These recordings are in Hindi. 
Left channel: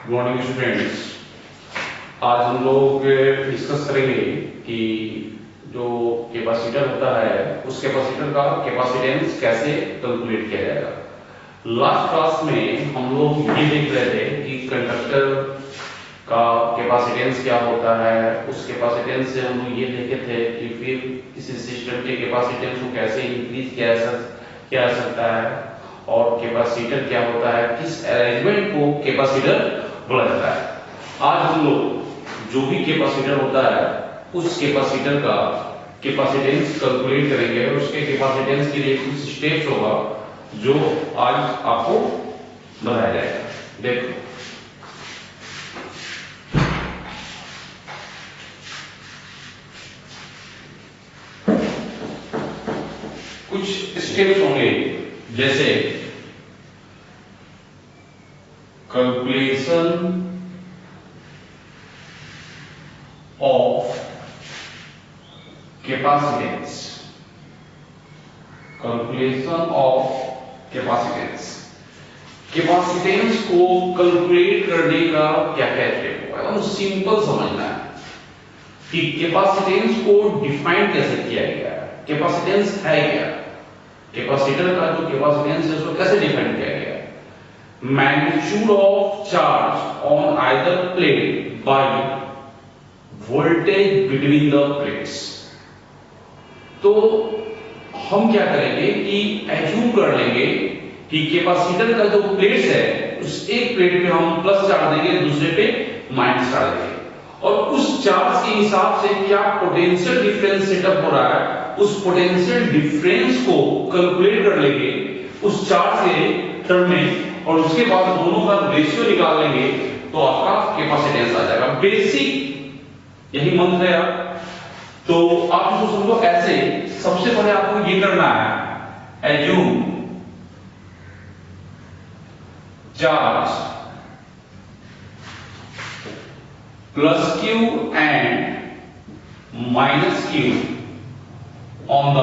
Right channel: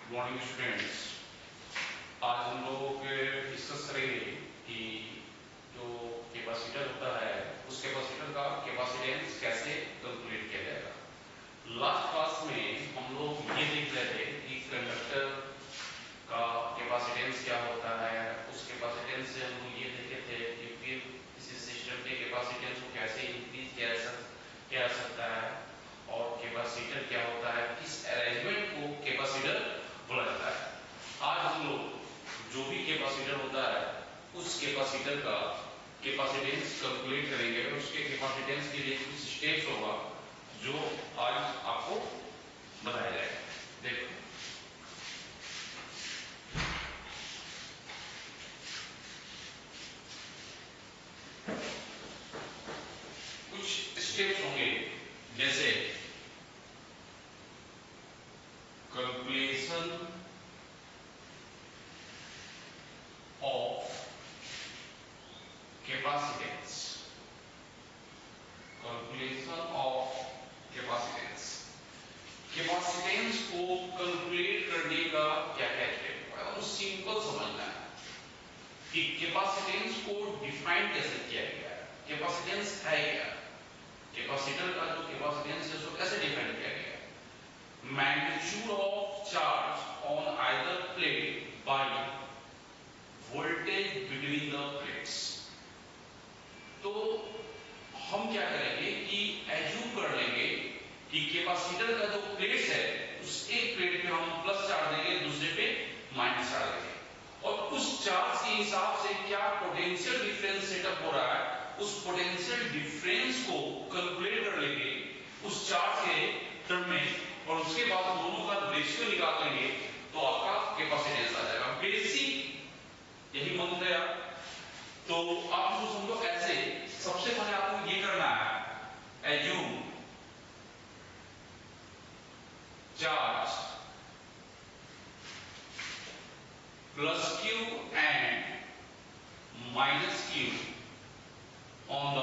Good morning students. आज हम लोग डिस्कस करेंगे कि जो कैपेसिटर होता है उस कैपेसिटर का कैपेसिटेंस कैसे कैलकुलेट किया जाएगा। लास्ट क्लास में हम लोग ये देख रहे थे कि कंडक्टर का कैपेसिटेंस क्या होता है। उस कैपेसिटेंस से हम लोग ये देखे थे कि फिर किसी सिस्टम के कैपेसिटेंस को कैसे इंक्रीज किया जा सकता है और कैपेसिटर क्या होता है, किस अरेंजमेंट को कैपेसिटर बोला जाता है। आज हम लोग जो भी कैपेसिटर होता है उस कैपेसिटर का कैपेसिटेंस कैलकुलेट करेंगे और उसके कैपेसिटेंस के लिए कुछ स्टेप्स होगा जो आज आपको बताया जाएगा। देखो कुछ स्टेप्स होंगे, जैसे calculation of capacitance, calculation of capacitance. Capacitance को कैलकुलेट करने का क्या क्या स्टेप होगा, एकदम सिंपल समझना है कि कैपेसिटेंस को डिफाइन कैसे किया गया है, कैपेसिटेंस है क्या, कैपेसिटर का जो कैपेसिटेंस है उसको कैसे डिफाइन किया गया है। Magnitude of charge on either plate by voltage between the plates. तो हम क्या करेंगे कि एज्यूम कर लेंगे कि कैपेसिटर का जो प्लेट्स है उस एक प्लेट पे हम प्लस चार्ज देंगे, दूसरे पे माइनस चार्ज देंगे और उस चार्ज के हिसाब से क्या पोटेंशियल डिफरेंस सेटअप हो रहा है उस पोटेंशियल डिफरेंस को कैलकुलेट कर लेंगे उस चार्ज के टर्म में और उसके बाद दोनों का रेशियो निकाल लेंगे तो आपका कैपेसिटेंस आ जाएगा। बेसिक यही मंत्र है। तो आप इसको समझो ऐसे, सबसे पहले आपको ये करना है, assume charge plus Q and minus Q on the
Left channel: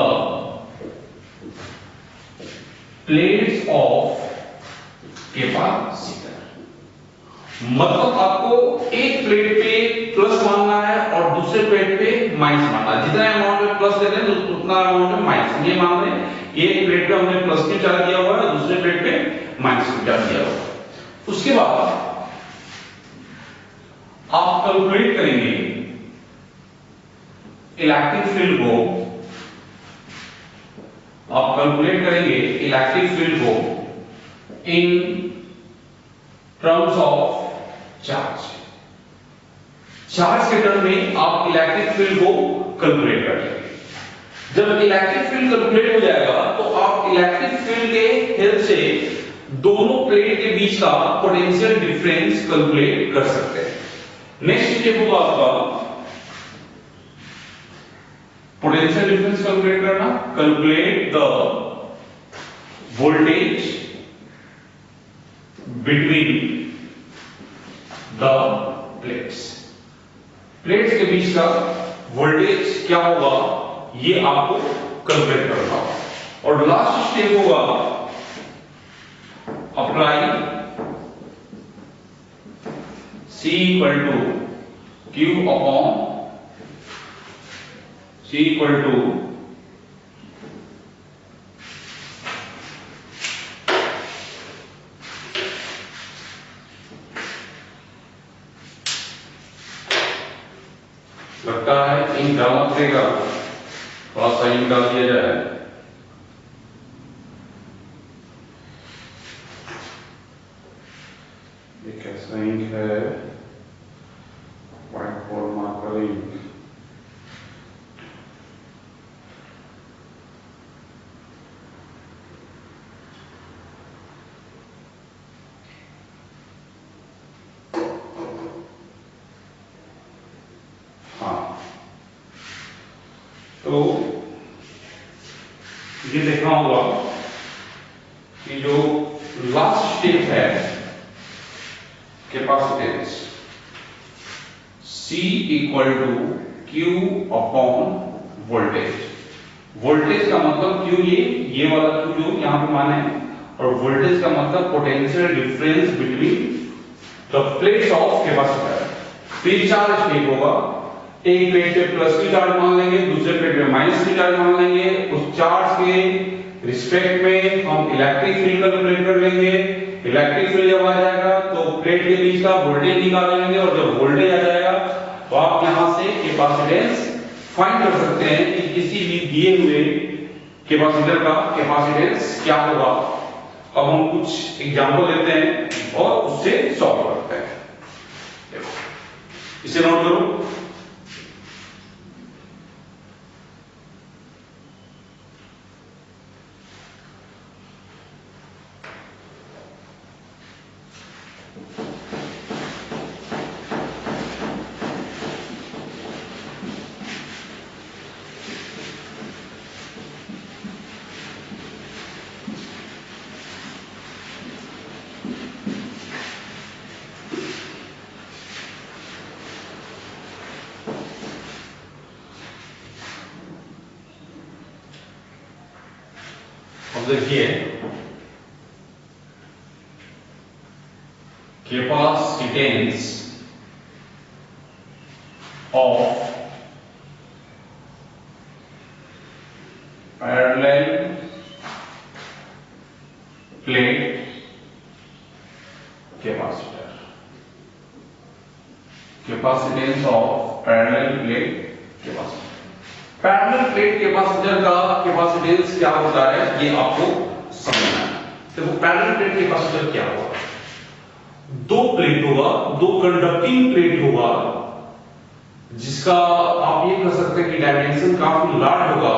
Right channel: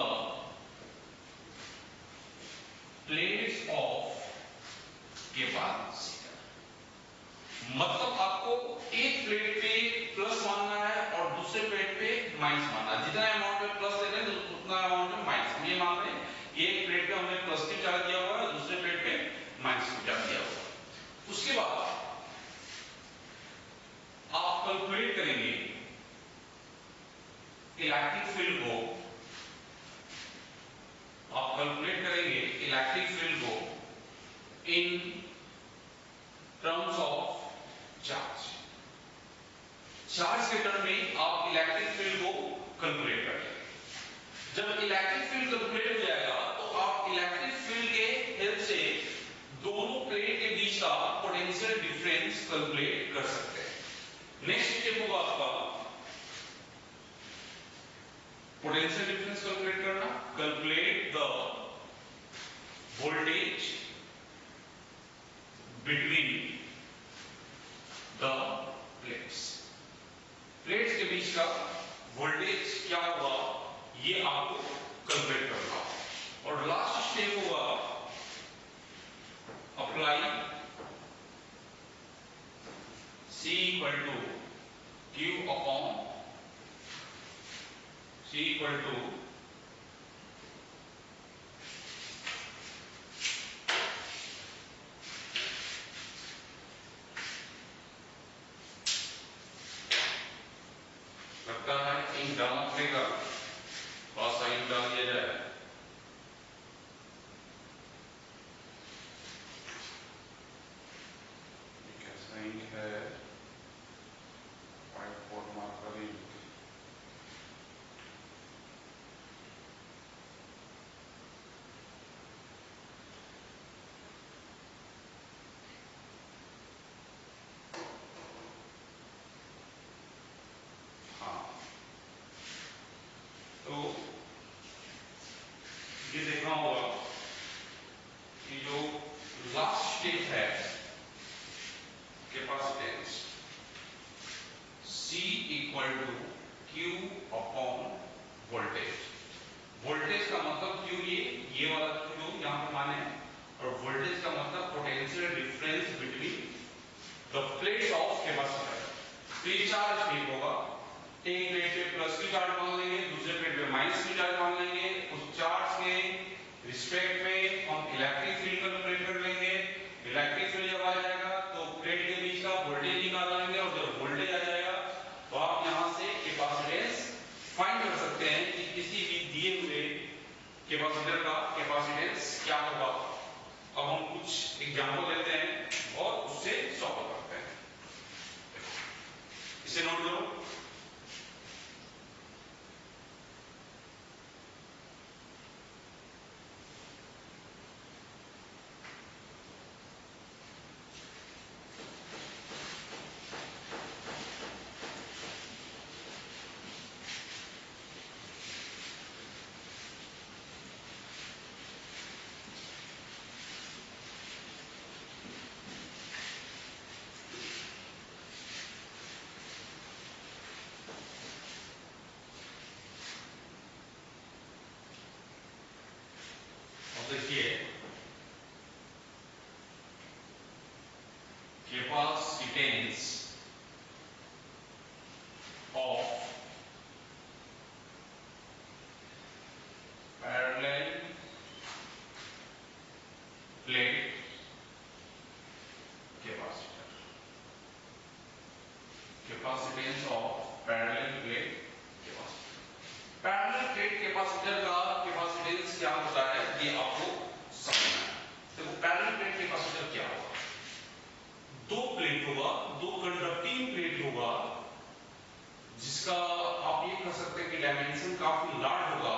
plates of capacitor. मतलब आपको एक प्लेट पे प्लस मानना है और दूसरे प्लेट पे माइनस मानना है। जितना अमाउंट में प्लस दे रहे हैं उतना अमाउंट में माइनस। ये मान रहे हैं एक प्लेट पे हमने प्लस क्यू चार्ज दिया हुआ है, दूसरे प्लेट पे माइनस क्यू चार्ज दिया हुआ है। उसके बाद आप कैलकुलेट करेंगे इलेक्ट्रिक फील्ड को, आप कैलकुलेट करेंगे इलेक्ट्रिक फील्ड को in terms of charge. Charge के टर्म में आप इलेक्ट्रिक फील्ड को कैलकुलेट करेंगे। जब इलेक्ट्रिक फील्ड कैलकुलेट हो जाएगा तो आप इलेक्ट्रिक फील्ड के हेल्प से दोनों प्लेट के बीच का पोटेंशियल डिफरेंस कैलकुलेट कर सकते हैं। नेक्स्ट स्टेप होगा आपका पोटेंशियल डिफरेंस कैलकुलेट करना। Calculate the voltage between the plates. Plates के बीच का वोल्टेज क्या होगा ये आपको कैलकुलेट करना। और लास्ट स्टेप होगा apply C equal to Q upon C equal to लगता है इन डालना पड़ेगा, थोड़ा सा इन डाल दिया जाए। ये कैसा इंक है, व्हाइट बोर्ड मार्कर इंक। तो ये देखना होगा कि जो लास्ट स्टेप है capacitance C equal to Q upon voltage. Voltage का मतलब Q ये वाला Q जो यहां पे माने, और वोल्टेज का मतलब potential difference between the plates of capacitor, pre charge plate होगा, एक प्लेट पे प्लस की चार्ज मान लेंगे, दूसरे प्लेट पे माइनस की चार्ज मान लेंगे, उस चार्ज के रिस्पेक्ट में हम इलेक्ट्रिक फील्ड कैलकुलेट कर लेंगे। इलेक्ट्रिक फील्ड जब आ जाएगा तो प्लेट के बीच का वोल्टेज निकाल लेंगे, और जब वोल्टेज आ जाएगा तो आप यहां से कैपेसिटेंस फाइंड कर सकते हैं कि किसी भी दिए हुए कैपेसिटर का कैपेसिटेंस क्या होगा। अब हम कुछ एग्जांपल लेते हैं और उससे सॉल्व करते हैं। देखो इसे नोट करो। देखिए capacitance of parallel plate capacitor, capacitance of parallel plate capacitor. Parallel plate capacitor का कैपेसिटेंस क्या होता है ये आपको समझना है। देखो पैरेलल प्लेट कैपेसिटर क्या होगा, दो प्लेट होगा, दो कंडक्टिंग प्लेट होगा, जिसका आप ये कह सकते हैं कि डायमेंशन काफी लार्ज होगा,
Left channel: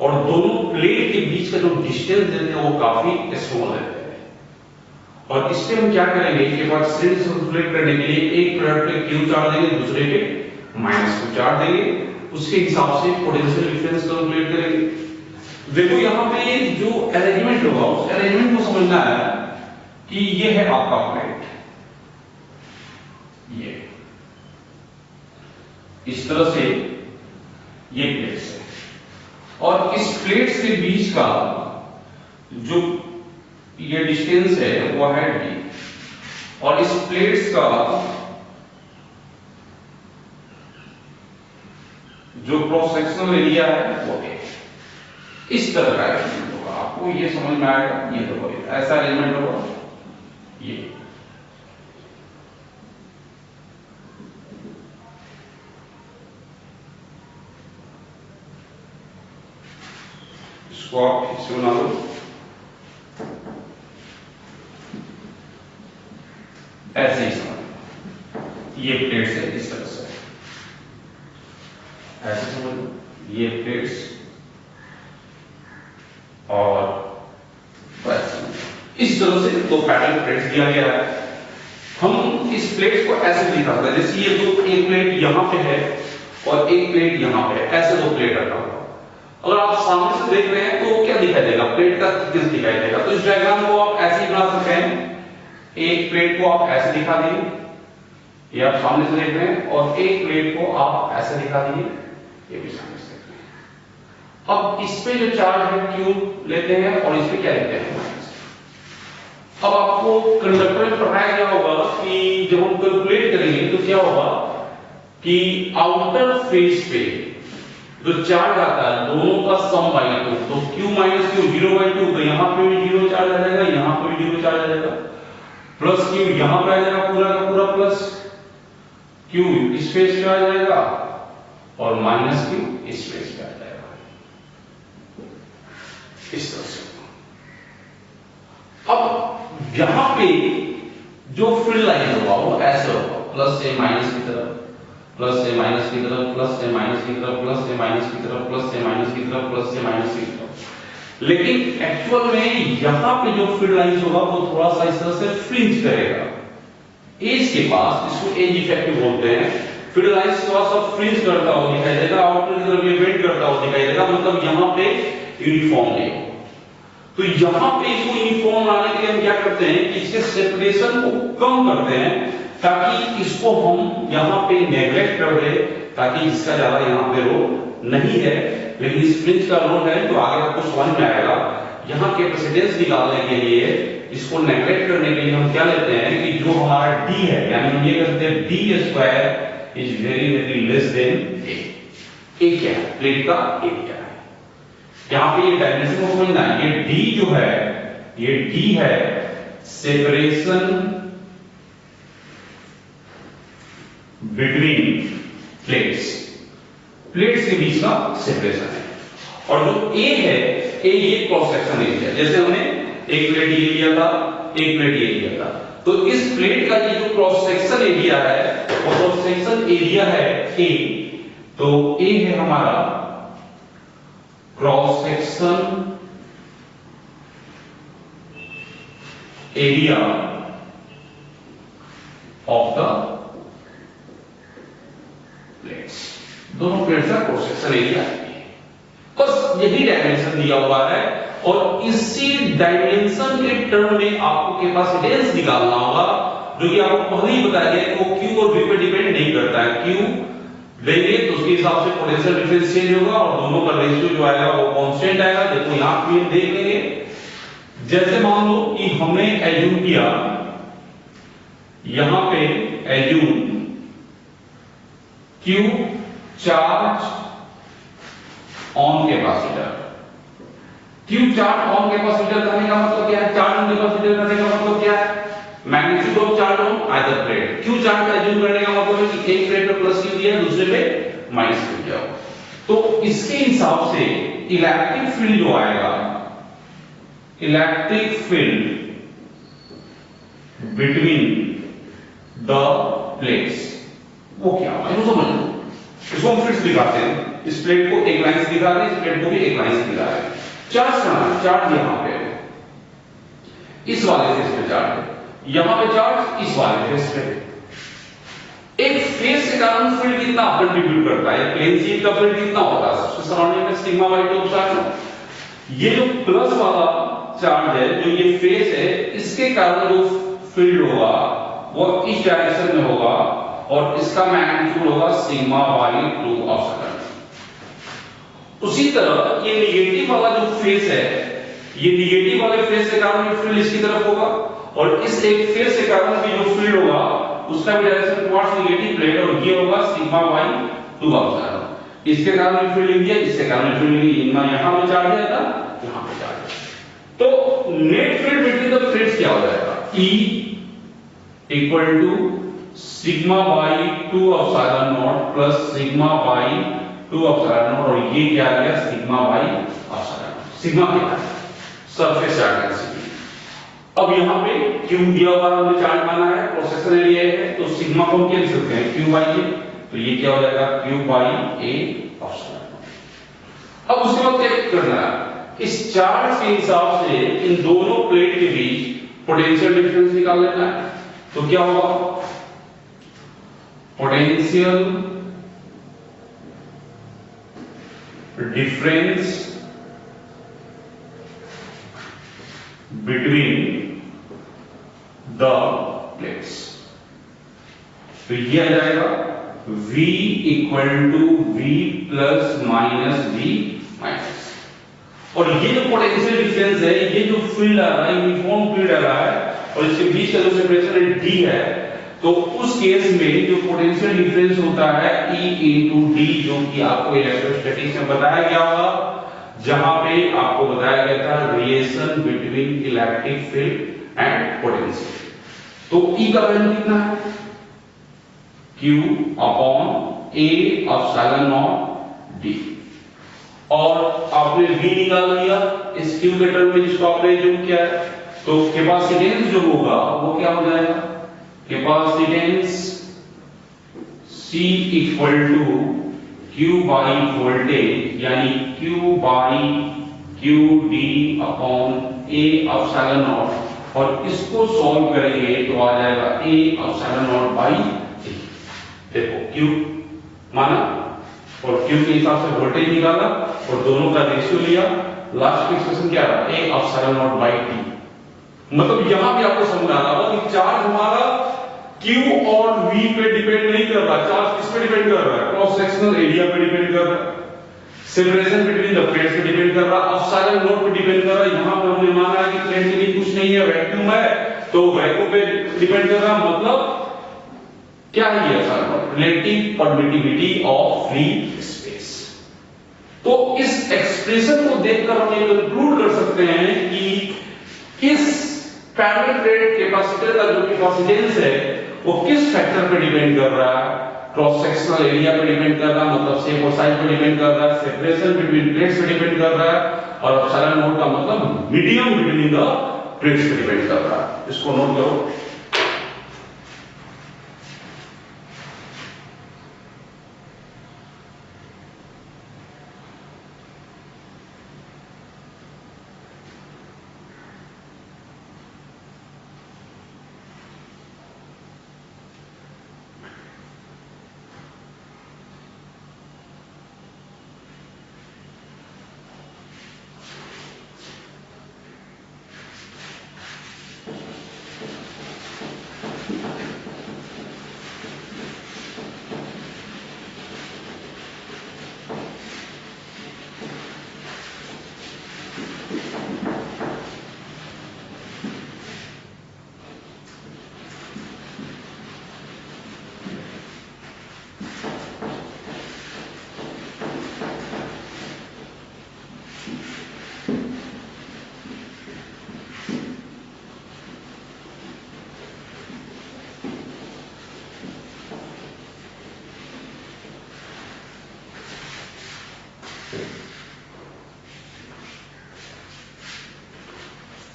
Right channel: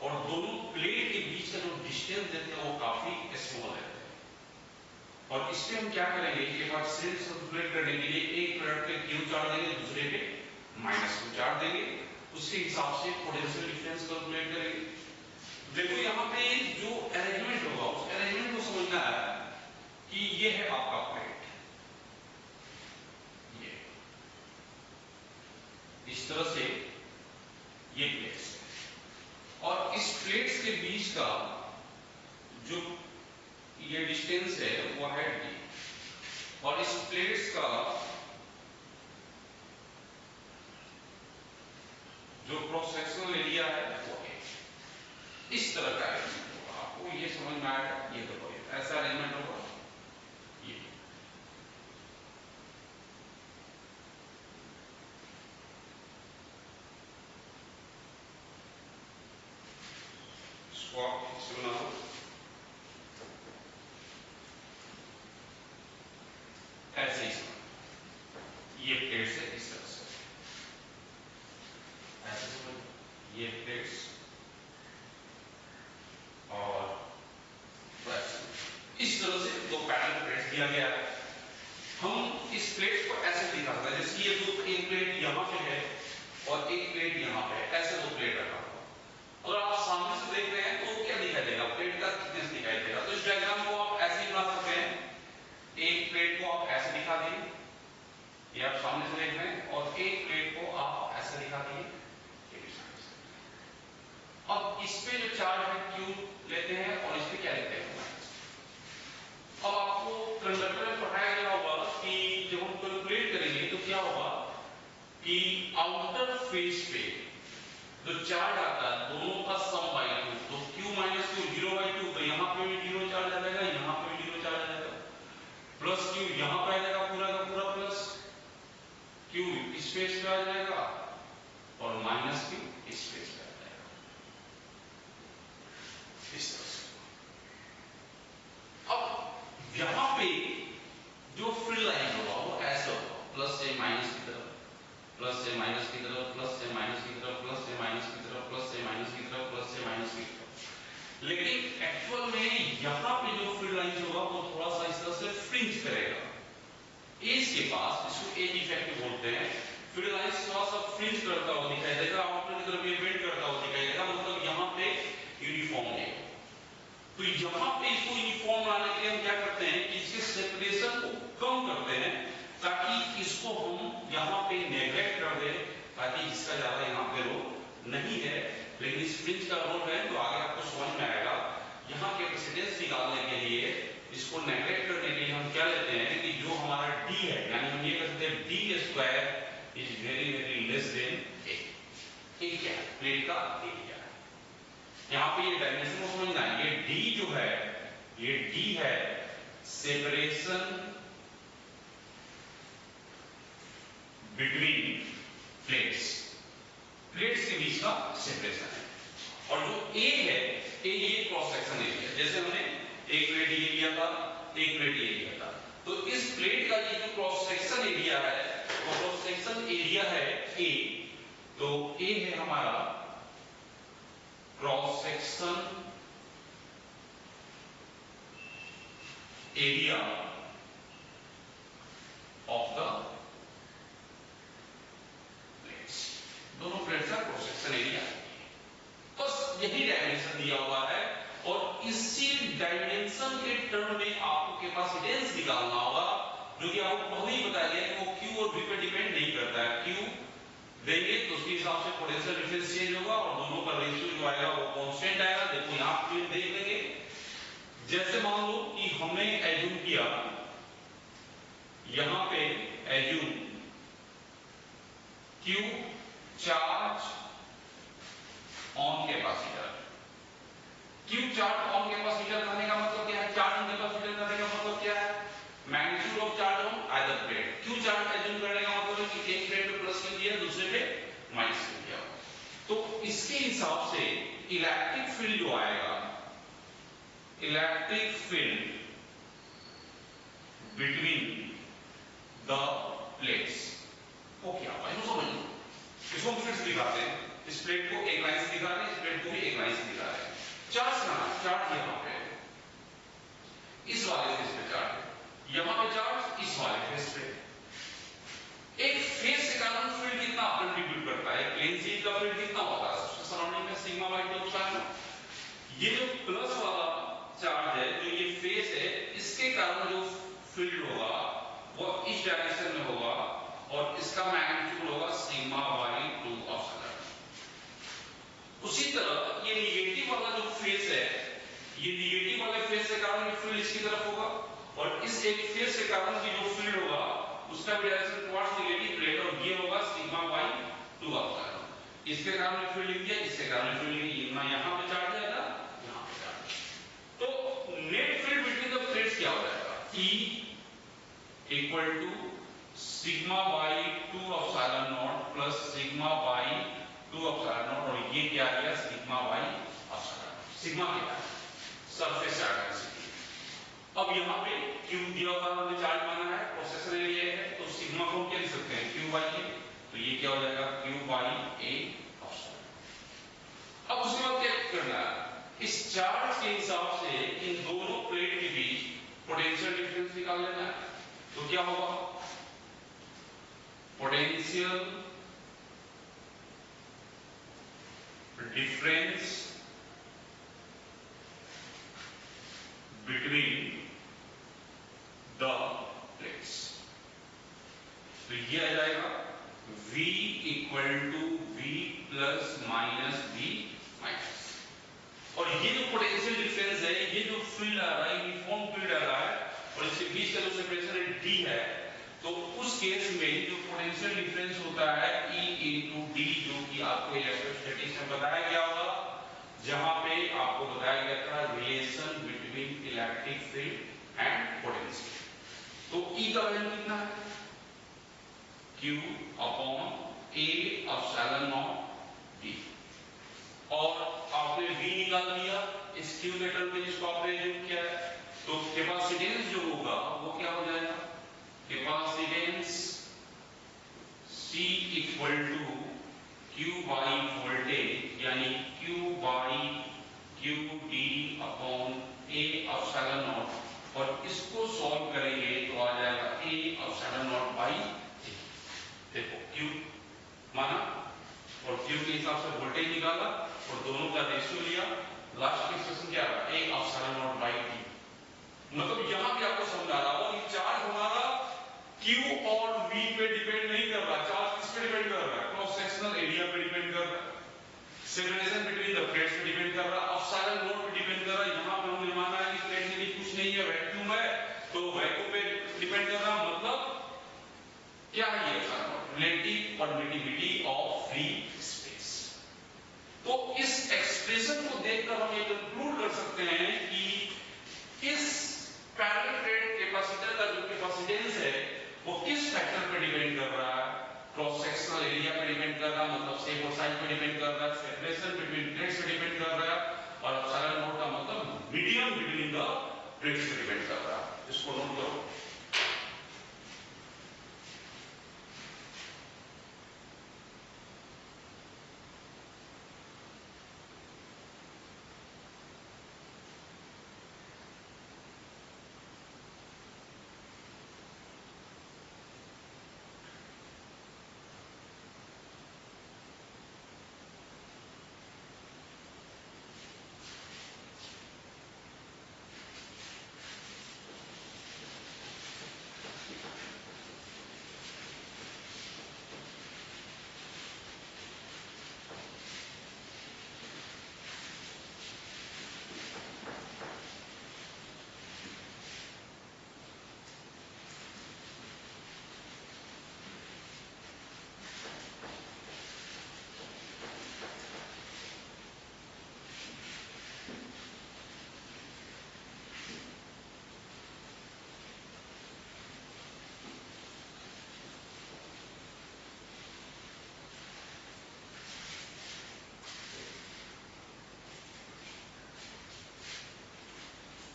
और दोनों प्लेट के बीच का जो डिस्टेंस देते हैं वो काफी स्मॉल रहता है। और इस पे हम क्या करेंगे, कैपेसिटेंस कैलकुलेट करने के लिए एक प्लेट पे Q चार्ज देंगे, दूसरे पे माइनस Q चार्ज देंगे, उसके हिसाब से पोटेंशियल डिफरेंस कैलकुलेट करेंगे। देखो यहाँ पे जो अरेंजमेंट होगा उस अरेंजमेंट को समझना है कि ये है आपका प्लेट, ये इस तरह से ये प्लेट्स है, और इस प्लेट्स के बीच का जो ये डिस्टेंस है वो है d, और इस प्लेट्स का जो क्रॉस सेक्शनल एरिया है वो है। इस तरह का अरेंजमेंट होगा, आपको ये समझ में आएगा। ये देखो ऐसा अरेंजमेंट होगा, ये इसको आप ठीक से बना लो। ऐसे ही समझ, ये प्लेट्स है इस तरह से, ऐसे समझ लो ये प्लेट्स, और इस तरह से दो पैरेलल प्लेट्स दिया गया है। हम इस प्लेट्स को ऐसे भी दिखा सकते हैं, जैसे ये दो, एक प्लेट यहां पे है और एक प्लेट यहां पे है, ऐसे दो प्लेट रखा हुआ। अगर आप सामने से देख रहे हैं तो क्या दिखाई देगा, प्लेट का थिकनेस दिखाई देगा। तो इस डायग्राम को आप ऐसे ही बना सकते हैं, एक प्लेट को आप ऐसे दिखा दिए, ये आप सामने से देख रहे हैं, और एक प्लेट को आप ऐसे दिखा दिए, ये भी सामने से देख रहे हैं। अब इस पे जो चार्ज है Q लेते हैं और इस पे क्या लेते हैं, माइनस। अब आपको कंडक्टर में पढ़ाया गया होगा कि जब हम कैलकुलेट करेंगे तो क्या होगा कि आउटर फेस पे जो चार्ज आता है दोनों का सम बाई 2, तो Q माइनस Q 0/2, तो यहां पे भी 0 चार्ज आ जाएगा, यहां पे भी 0 चार्ज आ जाएगा, प्लस Q यहां पे आ जाएगा पूरा का पूरा प्लस Q इस फेस पे आ जाएगा, और माइनस Q इस फेस पे आ जाएगा, इस तरह से। अब यहां पे जो फील्ड लाइन होगा वो ऐसे होगा, प्लस से माइनस की तरफ, प्लस से माइनस की तरफ, प्लस से माइनस की तरफ, प्लस से माइनस की तरफ, प्लस से माइनस की तरफ, प्लस से माइनस की तरफ। लेकिन एक्चुअल में यहां पे जो फील्ड लाइंस होगा वो थोड़ा सा इस तरह से फ्रिंज करेगा, एज के पास, इसको एज इफेक्ट बोलते हैं। फील्ड लाइंस थोड़ा सा फ्रिंज करता हुआ दिखाई देगा, आउटर की तरफ ये बेंड करता हुआ दिखाई देगा, मतलब यहां पे यूनिफॉर्म नहीं होगा। तो यहां पे इसको यूनिफॉर्म लाने के लिए हम क्या करते हैं कि इसके सेपरेशन को कम करते हैं, ताकि इसको हम यहां पे नेग्लेक्ट कर दे, ताकि इसका ज्यादा यहां पे रोल नहीं है, लेकिन इस फ्रिंज का रोल है, तो आगे आपको समझ में आएगा। यहां कैपेसिटेंस निकालने के लिए इसको नेगलेक्ट करने के लिए हम क्या लेते हैं कि जो हमारा d है, यानी हम ये कहते हैं d square is very very less than a। a क्या है, प्लेट का a क्या है, यहाँ पे ये डायमेंशन को समझना है। ये d जो है, ये d है सेपरेशन बिटवीन प्लेट्स, प्लेट्स के बीच का सेपरेशन है। और जो a है, a ये क्रॉस सेक्शन एरिया, जैसे हमने एक प्लेट ये लिया था, एक प्लेट ये लिया था, तो इस प्लेट का ये जो क्रॉस सेक्शन एरिया है, वो क्रॉस सेक्शन एरिया है a, तो a है हमारा cross section area of the plates, दोनों प्लेट्स का क्रॉस सेक्शन एरिया है। बस यही डायमेंशन दिया हुआ है और इसी डायमेंशन के टर्म में आपको कैपेसिटेंस निकालना होगा, जो कि आपको पहले ही बताया गया कि वो Q और V पे डिपेंड नहीं करता है। Q देंगे तो उसके हिसाब से पोटेंशियल डिफरेंस चेंज होगा और दोनों का रेशियो जो आएगा वो कांस्टेंट आएगा। देखो यहां पे देख लेंगे, जैसे मान लो कि हमने एज्यूम किया, यहां पे assume Q charge on capacitor. Q charge on capacitor करने का मतलब क्या है, चार्ज ऑन कैपेसिटर करने का मतलब क्या है, magnitude of charge on either plate. Q charge का एज्यूम करने का मतलब है कि एक प्लेट पे प्लस Q दिया, दूसरे पे माइनस Q दिया। तो इसके हिसाब से इलेक्ट्रिक फील्ड जो आएगा, electric field between the plates, वो क्या होगा इसको समझ लो। इसको हम फिर से दिखाते हैं, इस प्लेट को एक लाइन से दिखा रहे हैं, इस प्लेट को भी एक लाइन से दिखा रहे हैं। चार्ज कहां है, चार्ज यहां पे है, इस वाले फेस पे चार्ज है, यहां पे चार्ज इस वाले फेस पे। एक फेस के कारण फील्ड कितना कंट्रीब्यूट करता है, प्लेन शीट का फील्ड कितना होता है, सबसे सराउंडिंग में सिग्मा बाई 2 एप्सिलॉन। ये जो प्लस वाला चार्ज है, जो ये फेस है, इसके कारण जो फील्ड होगा वो इस डायरेक्शन में होगा और इसका मैग्नीट्यूड होगा सिग्मा बाई 2 एप्सिलॉन। उसी तरह ये निगेटिव वाला जो फेस है, ये निगेटिव वाले फेस के कारण ये फील्ड इसकी तरफ होगा और इस एक फेस के कारण भी जो फील्ड होगा उसका भी डायरेक्शन टुवर्ड्स निगेटिव प्लेट, और ये होगा सिग्मा बाई 2 एप्सिलॉन। इसके कारण भी फील्ड लिख दिया, इसके कारण फील्ड लिख दिया, यहां पे चार्ज है ना, यहां पे चार्ज है। तो net field between the plates क्या हो जाएगा, E equal to sigma by 2 epsilon naught plus sigma by 2 epsilon naught, और ये क्या आ गया सिग्मा बाई एप्सिलॉन। सिग्मा क्या है, सरफेस चार्ज डेंसिटी। अब यहां पे Q दिया हुआ हमने चार्ज माना है, क्रॉस सेक्शन एरिया है, तो सिग्मा को हम क्या लिख सकते हैं, Q बाई A, तो ये क्या हो जाएगा Q बाई A एप्सिलॉन। अब उसके बाद क्या करना है, इस चार्ज के हिसाब से इन दोनों प्लेट के बीच पोटेंशियल डिफरेंस निकाल लेना है। तो क्या होगा, potential difference between the plates, तो ये आ जाएगा V equal to V plus minus V minus. और ये जो पोटेंशियल डिफरेंस है, ये जो फील्ड आ रहा है, यूनिफॉर्म फील्ड आ रहा है और इसके बीच का जो सेपरेशन है D है, तो उस केस में जो पोटेंशियल डिफरेंस होता है E इनटू D, जो कि आपको इलेक्ट्रोस्टैटिक्स में बताया गया होगा, जहां पे आपको बताया गया था relation between electric field and potential. तो E का वैल्यू कितना है, Q upon A epsilon not D, और आपने V निकाल लिया इस Q के टर्म में जिसको आपने एज्यूम किया है, तो कैपेसिटेंस जो होगा वो क्या हो जाएगा, capacitance C equal to Q by voltage, यानी Q by QD upon A epsilon naught, और इसको सॉल्व करेंगे तो आ जाएगा A epsilon naught by D। देखो Q माना और Q के हिसाब से वोल्टेज निकाला और दोनों का रेशियो लिया, लास्ट एक्सप्रेशन क्या रहा, A epsilon naught by D। मतलब यहां भी आपको समझ आ रहा होगा कि चार्ज हमारा Q और V पे डिपेंड नहीं कर रहा, चार्ज किस पे डिपेंड कर रहा है, क्रॉस सेक्शनल एरिया पे डिपेंड कर रहा है। सेपरेशन बिटवीन द प्लेट्स पे डिपेंड कर रहा, एप्सिलॉन नॉट पे डिपेंड कर रहा। यहां पे हमने माना कि प्लेट के लिए कुछ नहीं है, वैक्यूम है, तो वैक्यूम पे डिपेंड कर रहा, मतलब क्या है ये relative permittivity of free space. तो इस एक्सप्रेशन को देखकर हम ये कंक्लूड कर सकते हैं कि इस पैरेलल प्लेट कैपेसिटर का जो कैपेसिटेंस है वो किस फैक्टर पे डिपेंड कर रहा है, क्रॉस सेक्शनल एरिया पे डिपेंड कर रहा है, मतलब शेप और साइज पे डिपेंड कर रहा है, सेपरेशन बिटवीन प्लेट्स पे डिपेंड कर रहा है, और एप्सिलॉन नॉट का मतलब मीडियम बिटवीन द प्लेट्स पे डिपेंड कर रहा है। इसको नोट करो।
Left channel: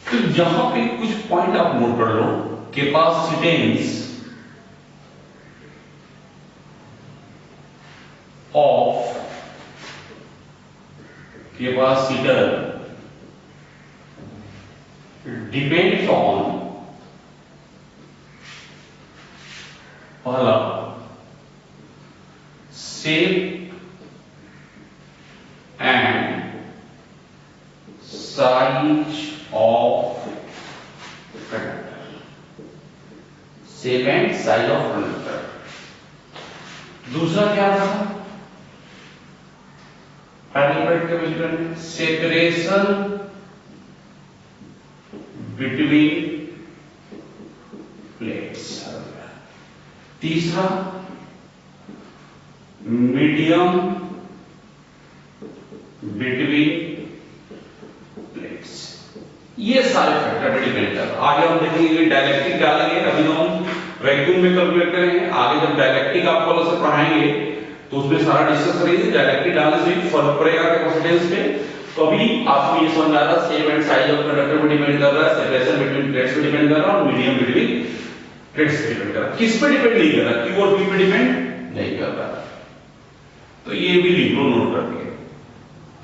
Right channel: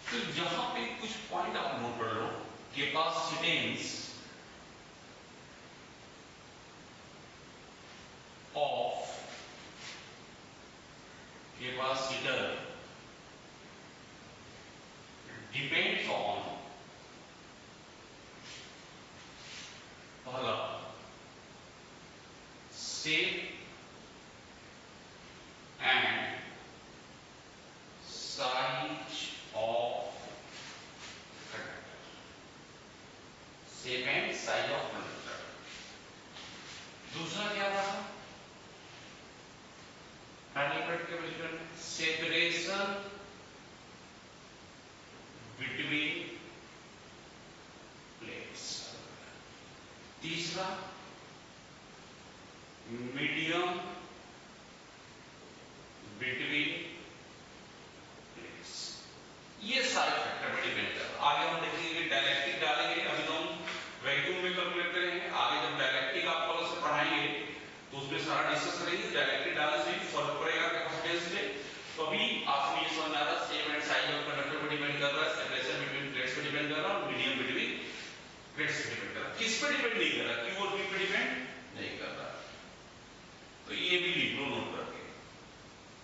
तो यहां पे कुछ पॉइंट आप नोट कर लो। Capacitance of capacitor depends on, पहला shape and size of conductor, shape and size of conductor. दूसरा क्या था पैरेलल प्लेट कैपेसिटर में? Separation between plates. तीसरा मीडियम बिटवीन प्लेट्स। ये सारे फैक्टर पे डिपेंड कर रहा। आगे हम देखेंगे डायलेक्ट्रिक डालेंगे, अभी हम वैक्यूम में कैलकुलेट करेंगे। आगे जब डायलेक्ट्रिक आपको अलग से पढ़ाएंगे तो उसमें सारा डिस्कस करेंगे। डायलेक्ट्रिक डालने से फर्क पड़ेगा कैपेसिटेंस पे। तो अभी आपको ये समझ आ रहा है shape and size of conductor पे डिपेंड कर रहा है, सेपरेशन बिटवीन प्लेट्स पे डिपेंड कर रहा है, और मीडियम बिटवीन प्लेट्स पे डिपेंड कर रहा है। किस पे डिपेंड नहीं कर रहा? क्यू और पी पे डिपेंड नहीं कर रहा। तो ये भी लिख लो नोट करके,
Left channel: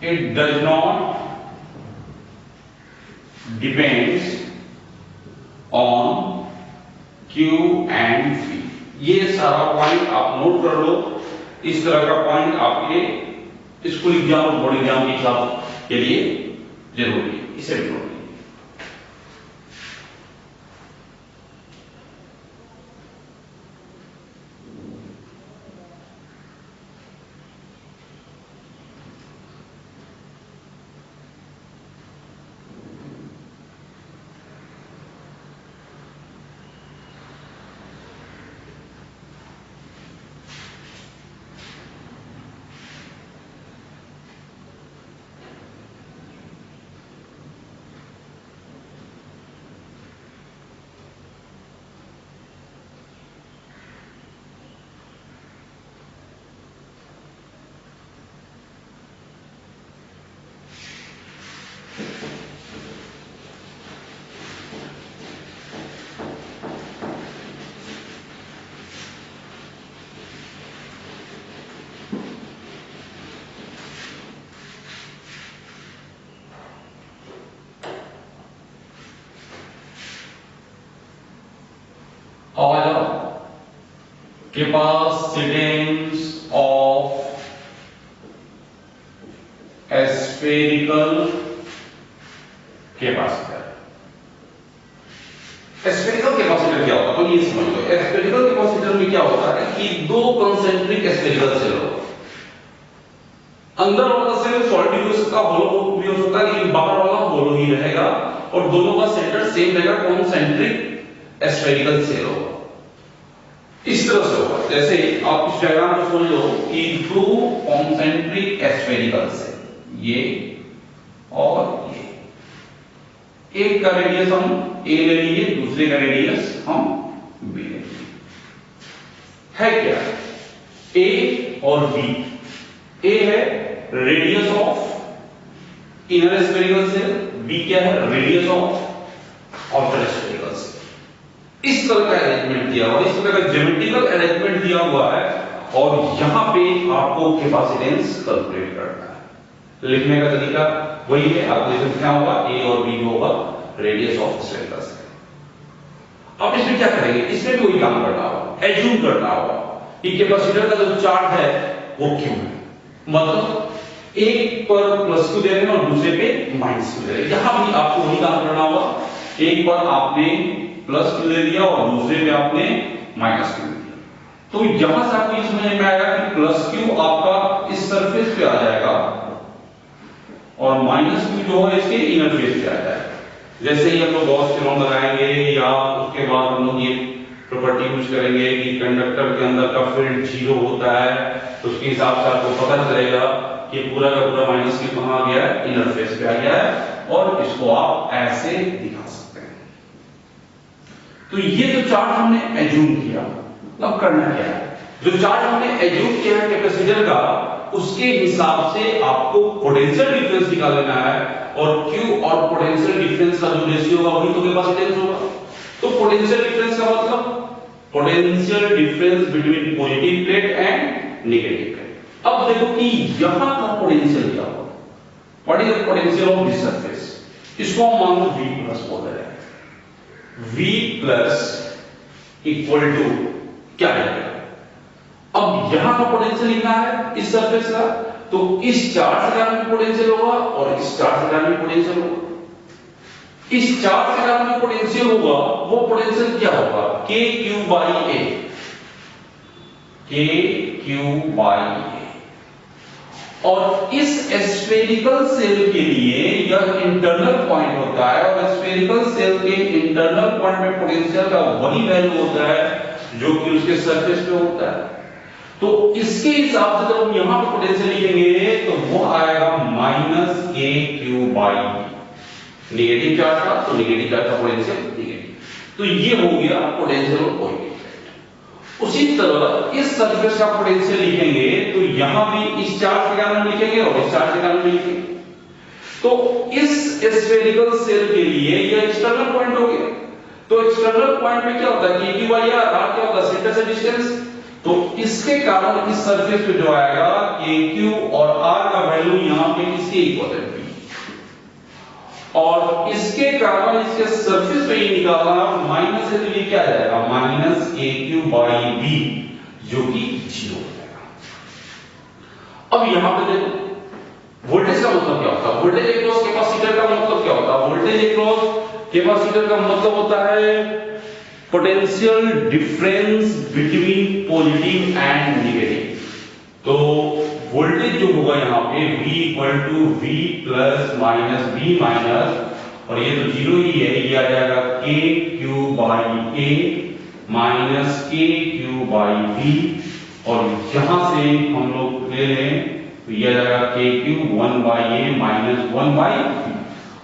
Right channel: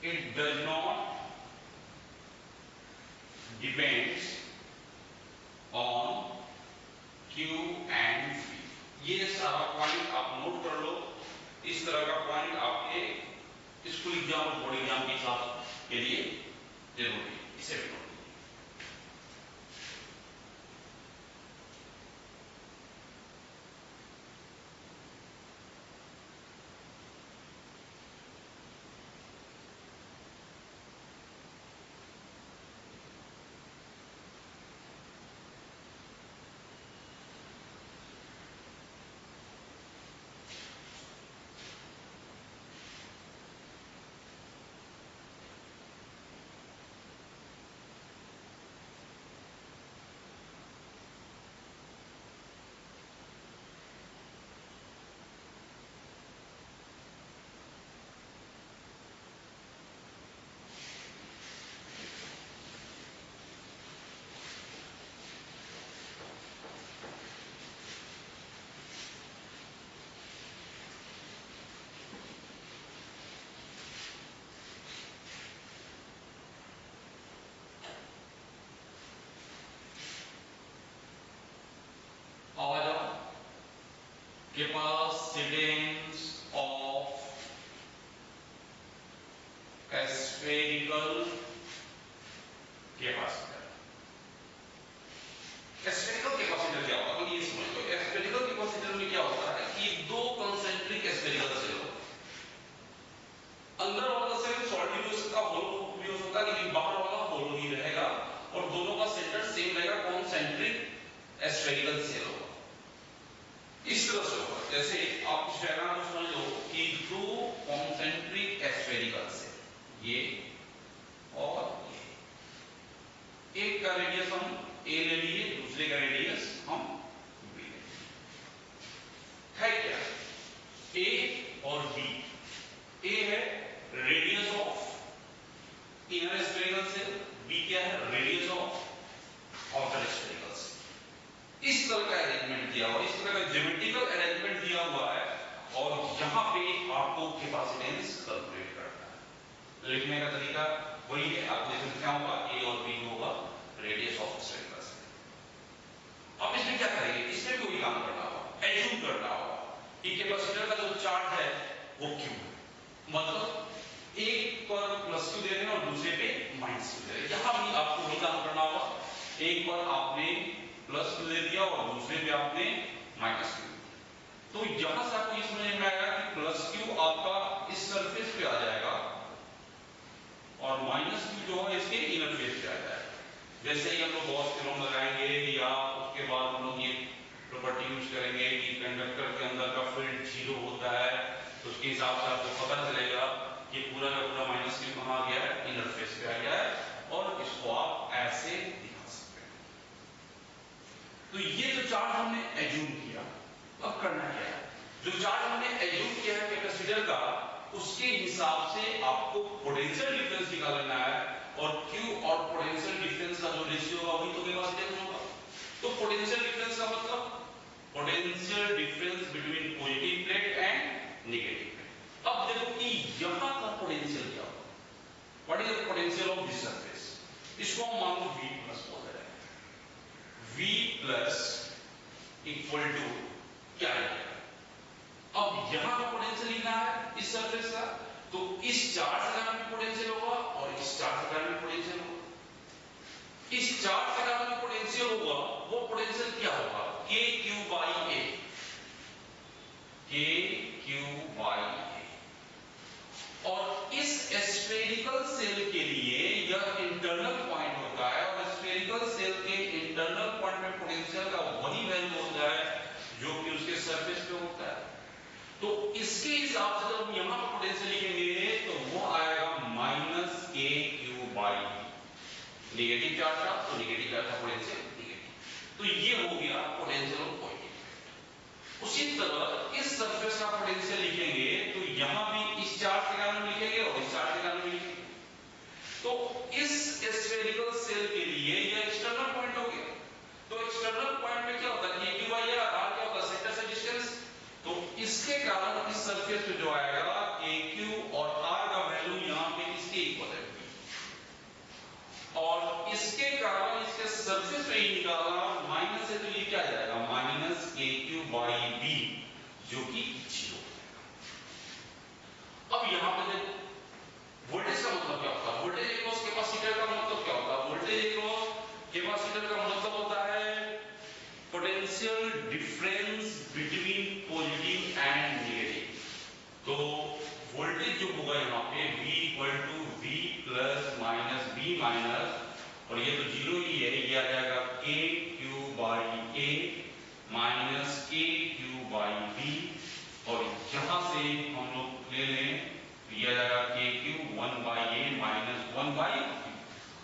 it does not depends on Q and V। ये सारा पॉइंट आप नोट कर लो। इस तरह का पॉइंट आपके स्कूल एग्जाम और बोर्ड एग्जाम के हिसाब के लिए जरूरी है, इसे भी note. Capacitance of spherical capacitor। Spherical capacitor क्या होता है? तो ये समझ लो। स्फेरिकल कैपेसिटर में क्या होता है कि दो कंसेंट्रिक स्फेरिकल शेल हो, अंदर वाला सॉलिड भी हो सकता है, होलो भी हो सकता है, लेकिन बाहर वाला होलो ही रहेगा और दोनों का सेंटर सेम रहेगा, कॉन्सेंट्रिक स्फेरिकल शेल होगा। इस तरह से होगा, जैसे आप इस डायग्राम को समझ लो कि टू कॉन्सेंट्रिक स्फेरिकल शेल, ये और ये, एक का रेडियस हम ए ले लिए, दूसरे का रेडियस हम बी ले लिए, है क्या ए और बी। ए है radius of inner spherical shell, B क्या है radius of outer spherical shell. इस तरह का अरेंजमेंट दिया हुआ है, इस तरह का ज्योमेट्रिकल अरेंजमेंट दिया हुआ है और यहां पे आपको कैपेसिटेंस कैलकुलेट करना है। लिखने का तरीका वही है, आपको इसमें क्या होगा ए और बी होगा रेडियस ऑफ स्फेरिकल शेल। अब इसमें क्या करेंगे, इसमें भी वही काम करना होगा, एज्यूम करना होगा कि कैपेसिटर का जो चार्ज है वो क्यू है, मतलब एक पर प्लस क्यू दे रहे हैं और दूसरे पे माइनस क्यू दे रहे हैं। यहां भी आपको वही काम करना होगा, एक पर आपने प्लस क्यू दे दिया और दूसरे पे आपने माइनस क्यू दे दिया, तो यहां से आपको ये समझ में आएगा कि प्लस क्यू आपका इस सरफेस पे आ जाएगा और माइनस क्यू जो है इसके इनर फेस पे आ जाएगा। जैसे ही हम लोग गॉस थ्योरम लगाएंगे या उसके बाद हम लोग ये प्रॉपर्टी यूज करेंगे कि कंडक्टर के अंदर का फील्ड जीरो होता है, तो उसके हिसाब से आपको पता चलेगा कि पूरा का पूरा माइनस क्यू कहां आ गया है, इनर फेस पे आ गया है, और इसको आप ऐसे दिखा सकते हैं। तो ये जो चार्ज हमने एज्यूम किया, अब करना क्या है, जो चार्ज हमने एज्यूम किया है कैपेसिटर का, उसके हिसाब से आपको पोटेंशियल डिफरेंस निकाल लेना है और Q और पोटेंशियल डिफरेंस का जो रेशियो होगा वही तो कैपेसिटेंस होगा। तो पोटेंशियल डिफरेंस का मतलब potential difference between positive plate and negative plate. अब देखो कि यहां का पोटेंशियल क्या होगा, what is the potential of this surface, इसको हम मान लो V+ बोल रहे हैं, V+ इक्वल टू क्या है, अब यहां का पोटेंशियल लिखना है इस सरफेस का, तो इस चार्ज के कारण भी पोटेंशियल होगा और इस चार्ज के कारण भी पोटेंशियल होगा। इस चार्ज के कारण जो पोटेंशियल होगा वो पोटेंशियल क्या होगा, KQ/A, KQ/A। और इस स्फेरिकल सेल के लिए यह इंटरनल पॉइंट होता है और स्फेरिकल सेल के इंटरनल पॉइंट में पोटेंशियल का वही वैल्यू होता है जो कि उसके सरफेस पे होता है। तो इसके हिसाब से जब हम यहां पर पोटेंशियल लिखेंगे तो वो आएगा -KQ/E, नेगेटिव चार्ज का, तो नेगेटिव चार्ज का पोटेंशियल नेगेटिव। तो ये हो गया पोटेंशियल ऑफ कोएफिशिएंट। उसी तरह इस सरफेस का पोटेंशियल लिखेंगे तो यहां भी इस चार्ज के कारण लिखेंगे और इस चार्ज के कारण भी लिखेंगे। तो इस स्फेरिकल सेल के लिए ये एक्सटर्नल पॉइंट हो गया। तो एक्सटर्नल पॉइंट में क्या होता है, KQ/R, R क्या होता है, सेंटर से डिस्टेंस। तो इसके कारण इस सरफेस पे जो आएगा KQ और R का वैल्यू यहां पे इसके इक्वल है, और इसके कारण इसके सरफेस पे ही निकाला माइनस है, तो ये क्या आ जाएगा -KQ/B, जो कि 0 हो जाएगा। अब यहां पे देखो वोल्टेज का मतलब क्या होता है, वोल्टेज अक्रॉस कैपेसिटर का मतलब क्या होता है, वोल्टेज अक्रॉस कैपेसिटर का मतलब होता है potential difference between positive and negative. तो वोल्टेज जो होगा यहाँ पे V = V+ B माइनस, और ये तो 0 ही है, ये आ जाएगा KQ/A माइनस KQ/B, और यहां से हम लोग ले लें तो ये आ जाएगा KQ 1/A माइनस 1/B,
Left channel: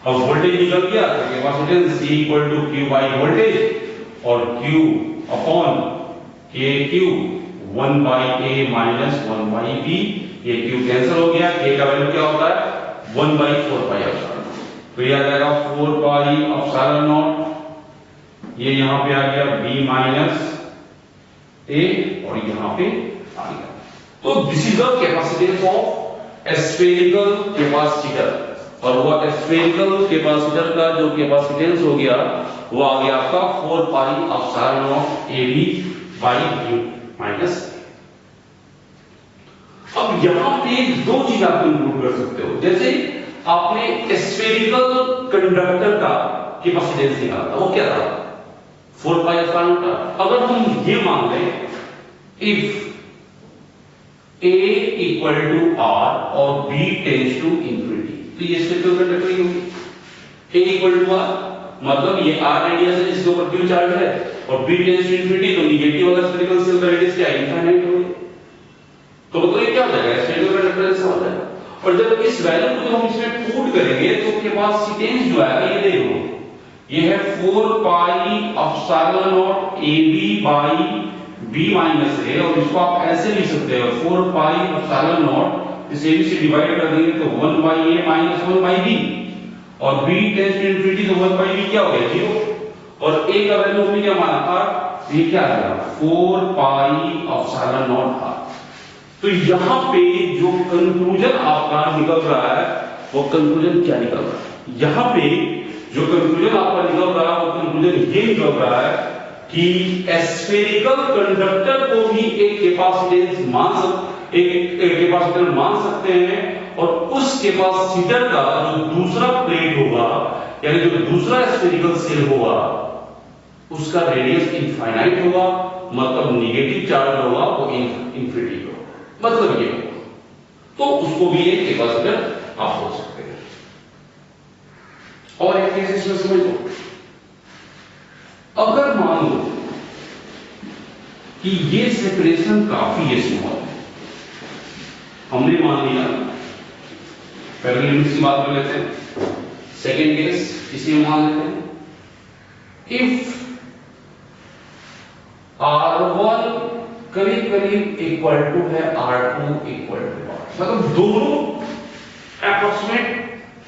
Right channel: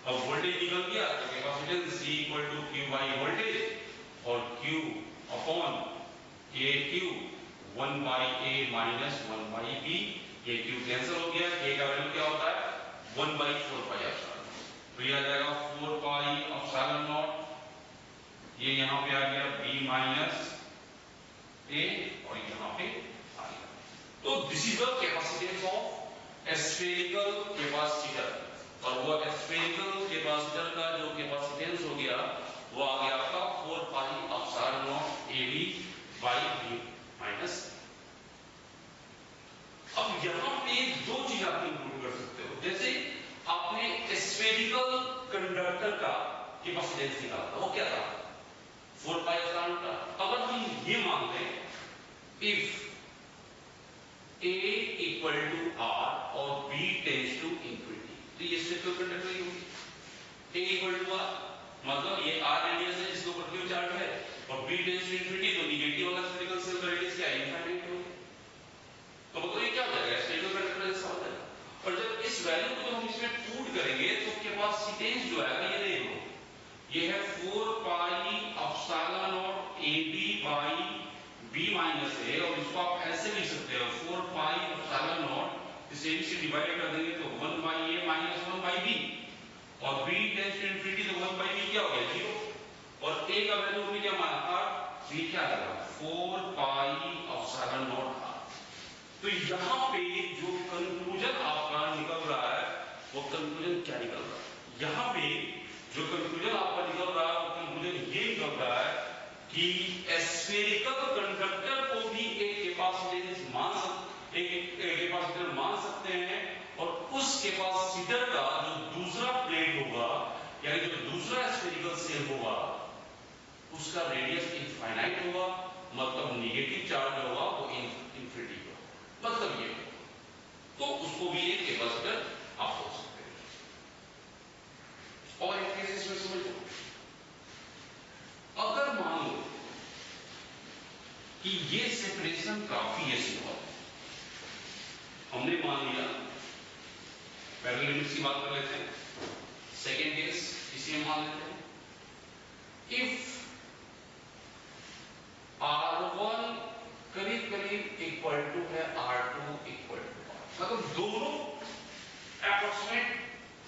और वोल्टेज निकल गया तो कैपेसिटेंस C = Q/ वोल्टेज और Q upon KQ 1/A minus 1/B, ये Q कैंसिल हो गया, K का वैल्यू क्या होता है 1/4πε, तो ये आ जाएगा 4πε0, ये यहां पे आ गया B माइनस A और यहां पे आ गया। तो this is the capacitance of spherical capacitor, और वो स्फेरिकल कैपेसिटर का जो कैपेसिटेंस हो गया वो आ गया आपका 4πε0AB/U माइनस। अब यहां पे दो चीज आप इंक्लूड कर सकते हो, जैसे आपने स्फेरिकल कंडक्टर का कैपेसिटेंस निकाला, वो क्या था 4πε0 का। अगर हम ये मान लें इफ A इक्वल टू R और B टेंड्स टू इंफिनिटी, तो ये स्फेरिकल कंडक्टर ही होगी। A इक्वल टू R मतलब ये R रेडियस है जिसके ऊपर Q चार्ज है, और B टेंड्स टू इंफिनिटी तो निगेटिव वाला स्फेरिकल सेल का रेडियस क्या है, इनफाइनाइट होगी। तो मतलब ये क्या हो जाएगा, स्फेरिकल कंडक्टर ऐसा हो जाएगा। और जब इस वैल्यू को हम इसमें पुट करेंगे तो कैपेसिटेंस जो है ये देखो, ये है 4 पाई epsilon not AB by B minus A, और इसको आप ऐसे लिख सकते हो 4 पाई एप्सिलॉन नॉट, इस AB से डिवाइड कर देंगे तो 1 by A minus 1 by B, और B टेंड्स टू इंफिनिटी तो 1 बाई B क्या हो गया 0, और A का वैल्यू हमने क्या माना था, ये क्या आएगा 4 पाई एप्सिलॉन नॉट था। तो यहां पे जो कंक्लूजन आपका निकल रहा है वो कंक्लूजन क्या निकल रहा है, यहां पे जो कंक्लूजन आपका निकल रहा है वो कंक्लूजन ये निकल रहा है कि स्फेरिकल कंडक्टर को भी एक कैपेसिटेंस मान सकते हैं, और उस कैपेसिटर का जो दूसरा प्लेट होगा यानी जो दूसरा स्फेरिकल सेल होगा उसका रेडियस इनफाइनाइट होगा, मतलब नेगेटिव चार्ज होगा वो इंफिनिटी होगा, मतलब ये होगा। तो उसको भी एक कैपेसिटर आप बोल सकते हैं। और एक केस इसमें समझ लो, अगर मान लो कि ये सेपरेशन काफी स्मॉल है, हमने मान लिया, पहले लिमिट्स की बात कर लेते हैं, सेकेंड केस इसी में मान लेते हैं, इफ R1 करीब करीब इक्वल टू है R2 इक्वल टू R, मतलब दोनों एप्रोक्सीमेट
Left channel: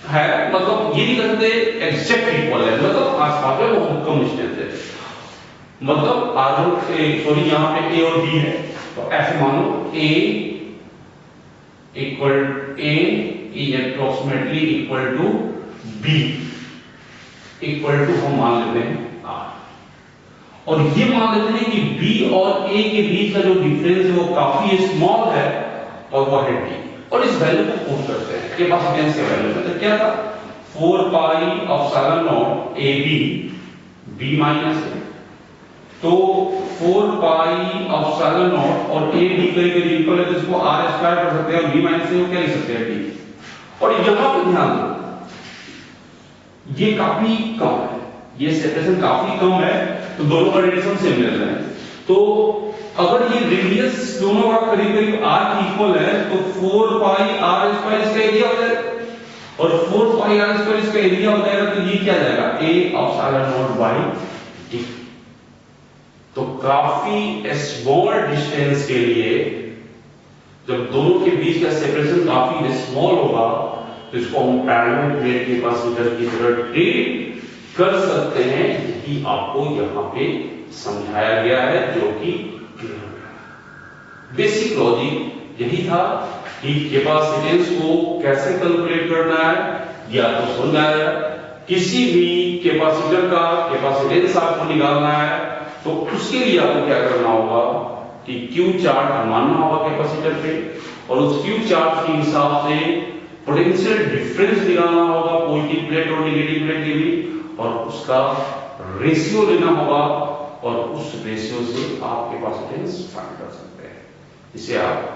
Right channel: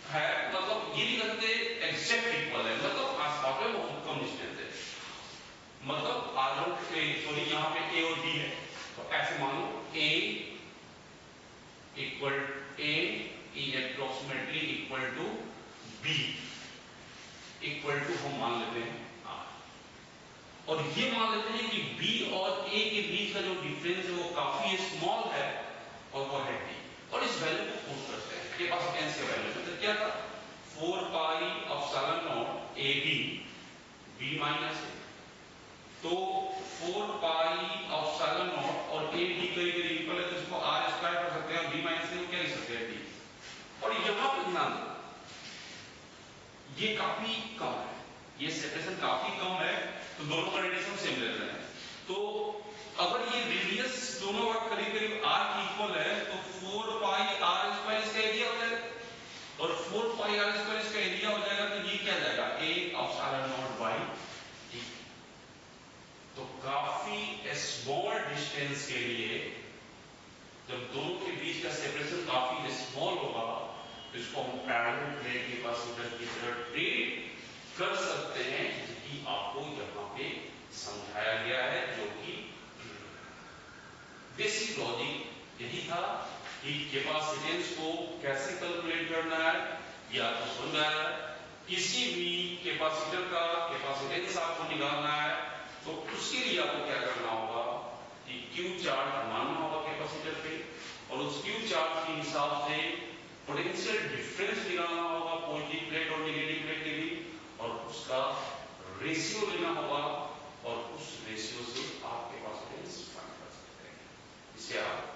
है, मतलब ये नहीं कर सकते एग्जैक्ट इक्वल है, मतलब आसपास में बहुत कम डिस्टेंस है, मतलब R1 सॉरी यहां पे A और B है, तो ऐसे मानो A इक्वल A is approximately equal to B equal to हम मान लेते हैं R, और ये मान लेते हैं कि B और A के बीच का जो डिफरेंस है वो काफी स्मॉल है और वो है D, और इस वैल्यू को पुट करते हैं कैपेसिटेंस के वैल्यू में, तो क्या था 4 पाई epsilon not AB B minus A, तो 4 पाई एप्सिलॉन नॉट और A D करीब इक्वल है तो इसको R स्क्वायर कर सकते हैं, और B माइनस A को क्या लिख सकते हैं D, और यहां पे ध्यान दो ये काफी कम है, ये सेपरेशन काफी कम है, तो दोनों का रेडियस हम सेम ले रहे हैं, तो अगर ये रेडियस दोनों का करीब करीब R की इक्वल है तो 4 पाई R स्क्वायर इसका एरिया हो जाएगा, और 4 पाई R स्क्वायर इसका एरिया हो जाएगा, तो ये क्या आ जाएगा A epsilon naught by D, तो काफी स्मॉल डिस्टेंस के लिए जब दोनों के बीच का सेपरेशन काफी स्मॉल होगा तो इसको हम पैरेलल प्लेट कैपेसिटर की तरह ट्रीट कर सकते हैं, यही आपको यहां पे समझाया गया है, जो कि बेसिक लॉजिक यही था कि कैपेसिटेंस को कैसे कैलकुलेट करना है या तो समझ में आया, किसी भी कैपेसिटर का कैपेसिटेंस आपको निकालना है तो उसके लिए आपको क्या करना होगा कि Q चार्ज मानना होगा कैपेसिटर पे, और उस Q चार्ज के हिसाब से पोटेंशियल डिफरेंस निकालना होगा पॉजिटिव प्लेट और नेगेटिव प्लेट के बीच, और उसका रेशियो लेना होगा, और उस रेशियो से आप कैपेसिटेंस फाइंड कर सकते हैं, इसे आप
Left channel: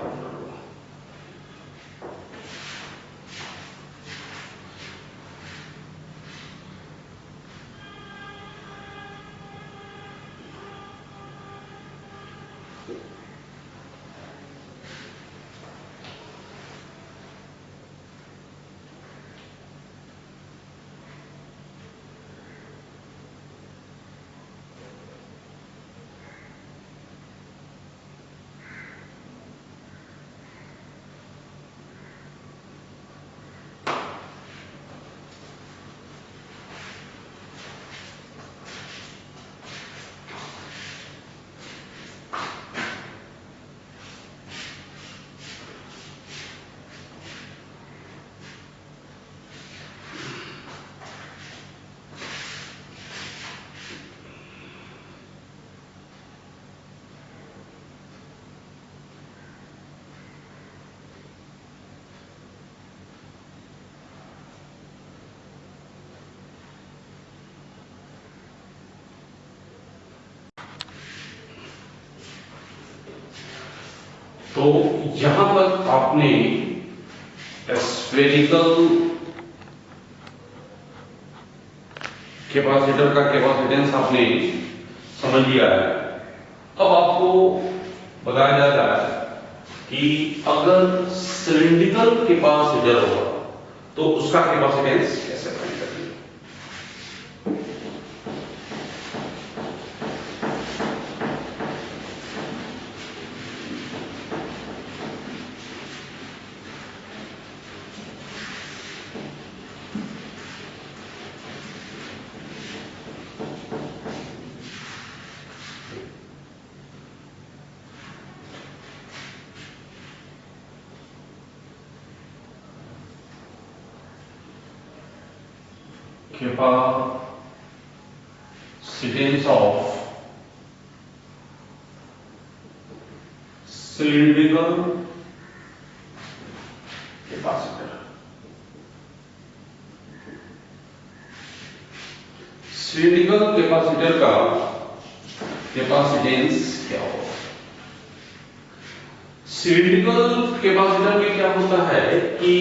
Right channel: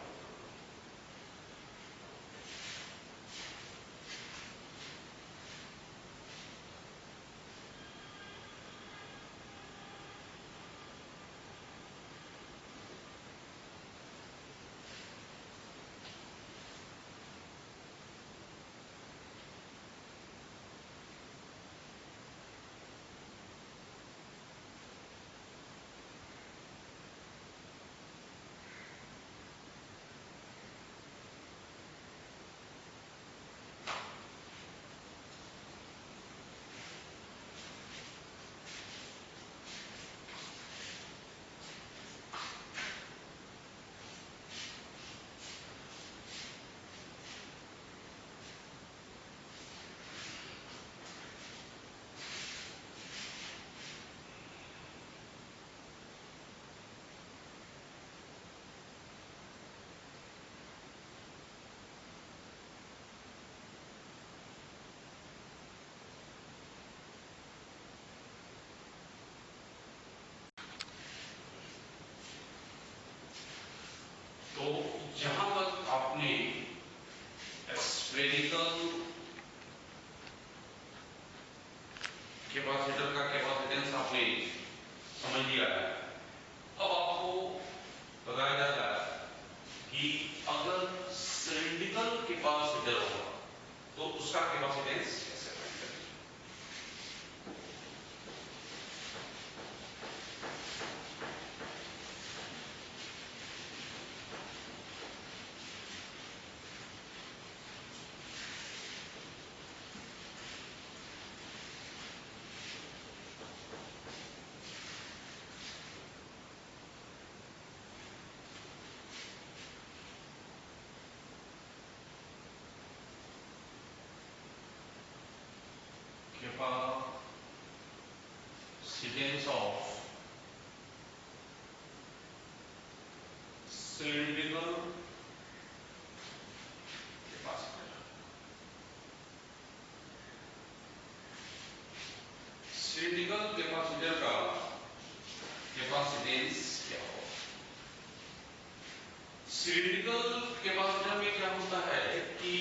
तो यहां तक आपने स्फेरिकल कैपेसिटर का कैपेसिटेंस आपने समझ लिया है। अब आपको बताया जा रहा है कि अगर सिलिंड्रिकल कैपेसिटर होगा तो उसका कैपेसिटेंस कैसे फाइंड करेंगे। Capacitance of cylindrical capacitor. Cylindrical capacitor का कैपेसिटेंस क्या होगा। सिलिंड्रिकल कैपेसिटर में क्या होता है कि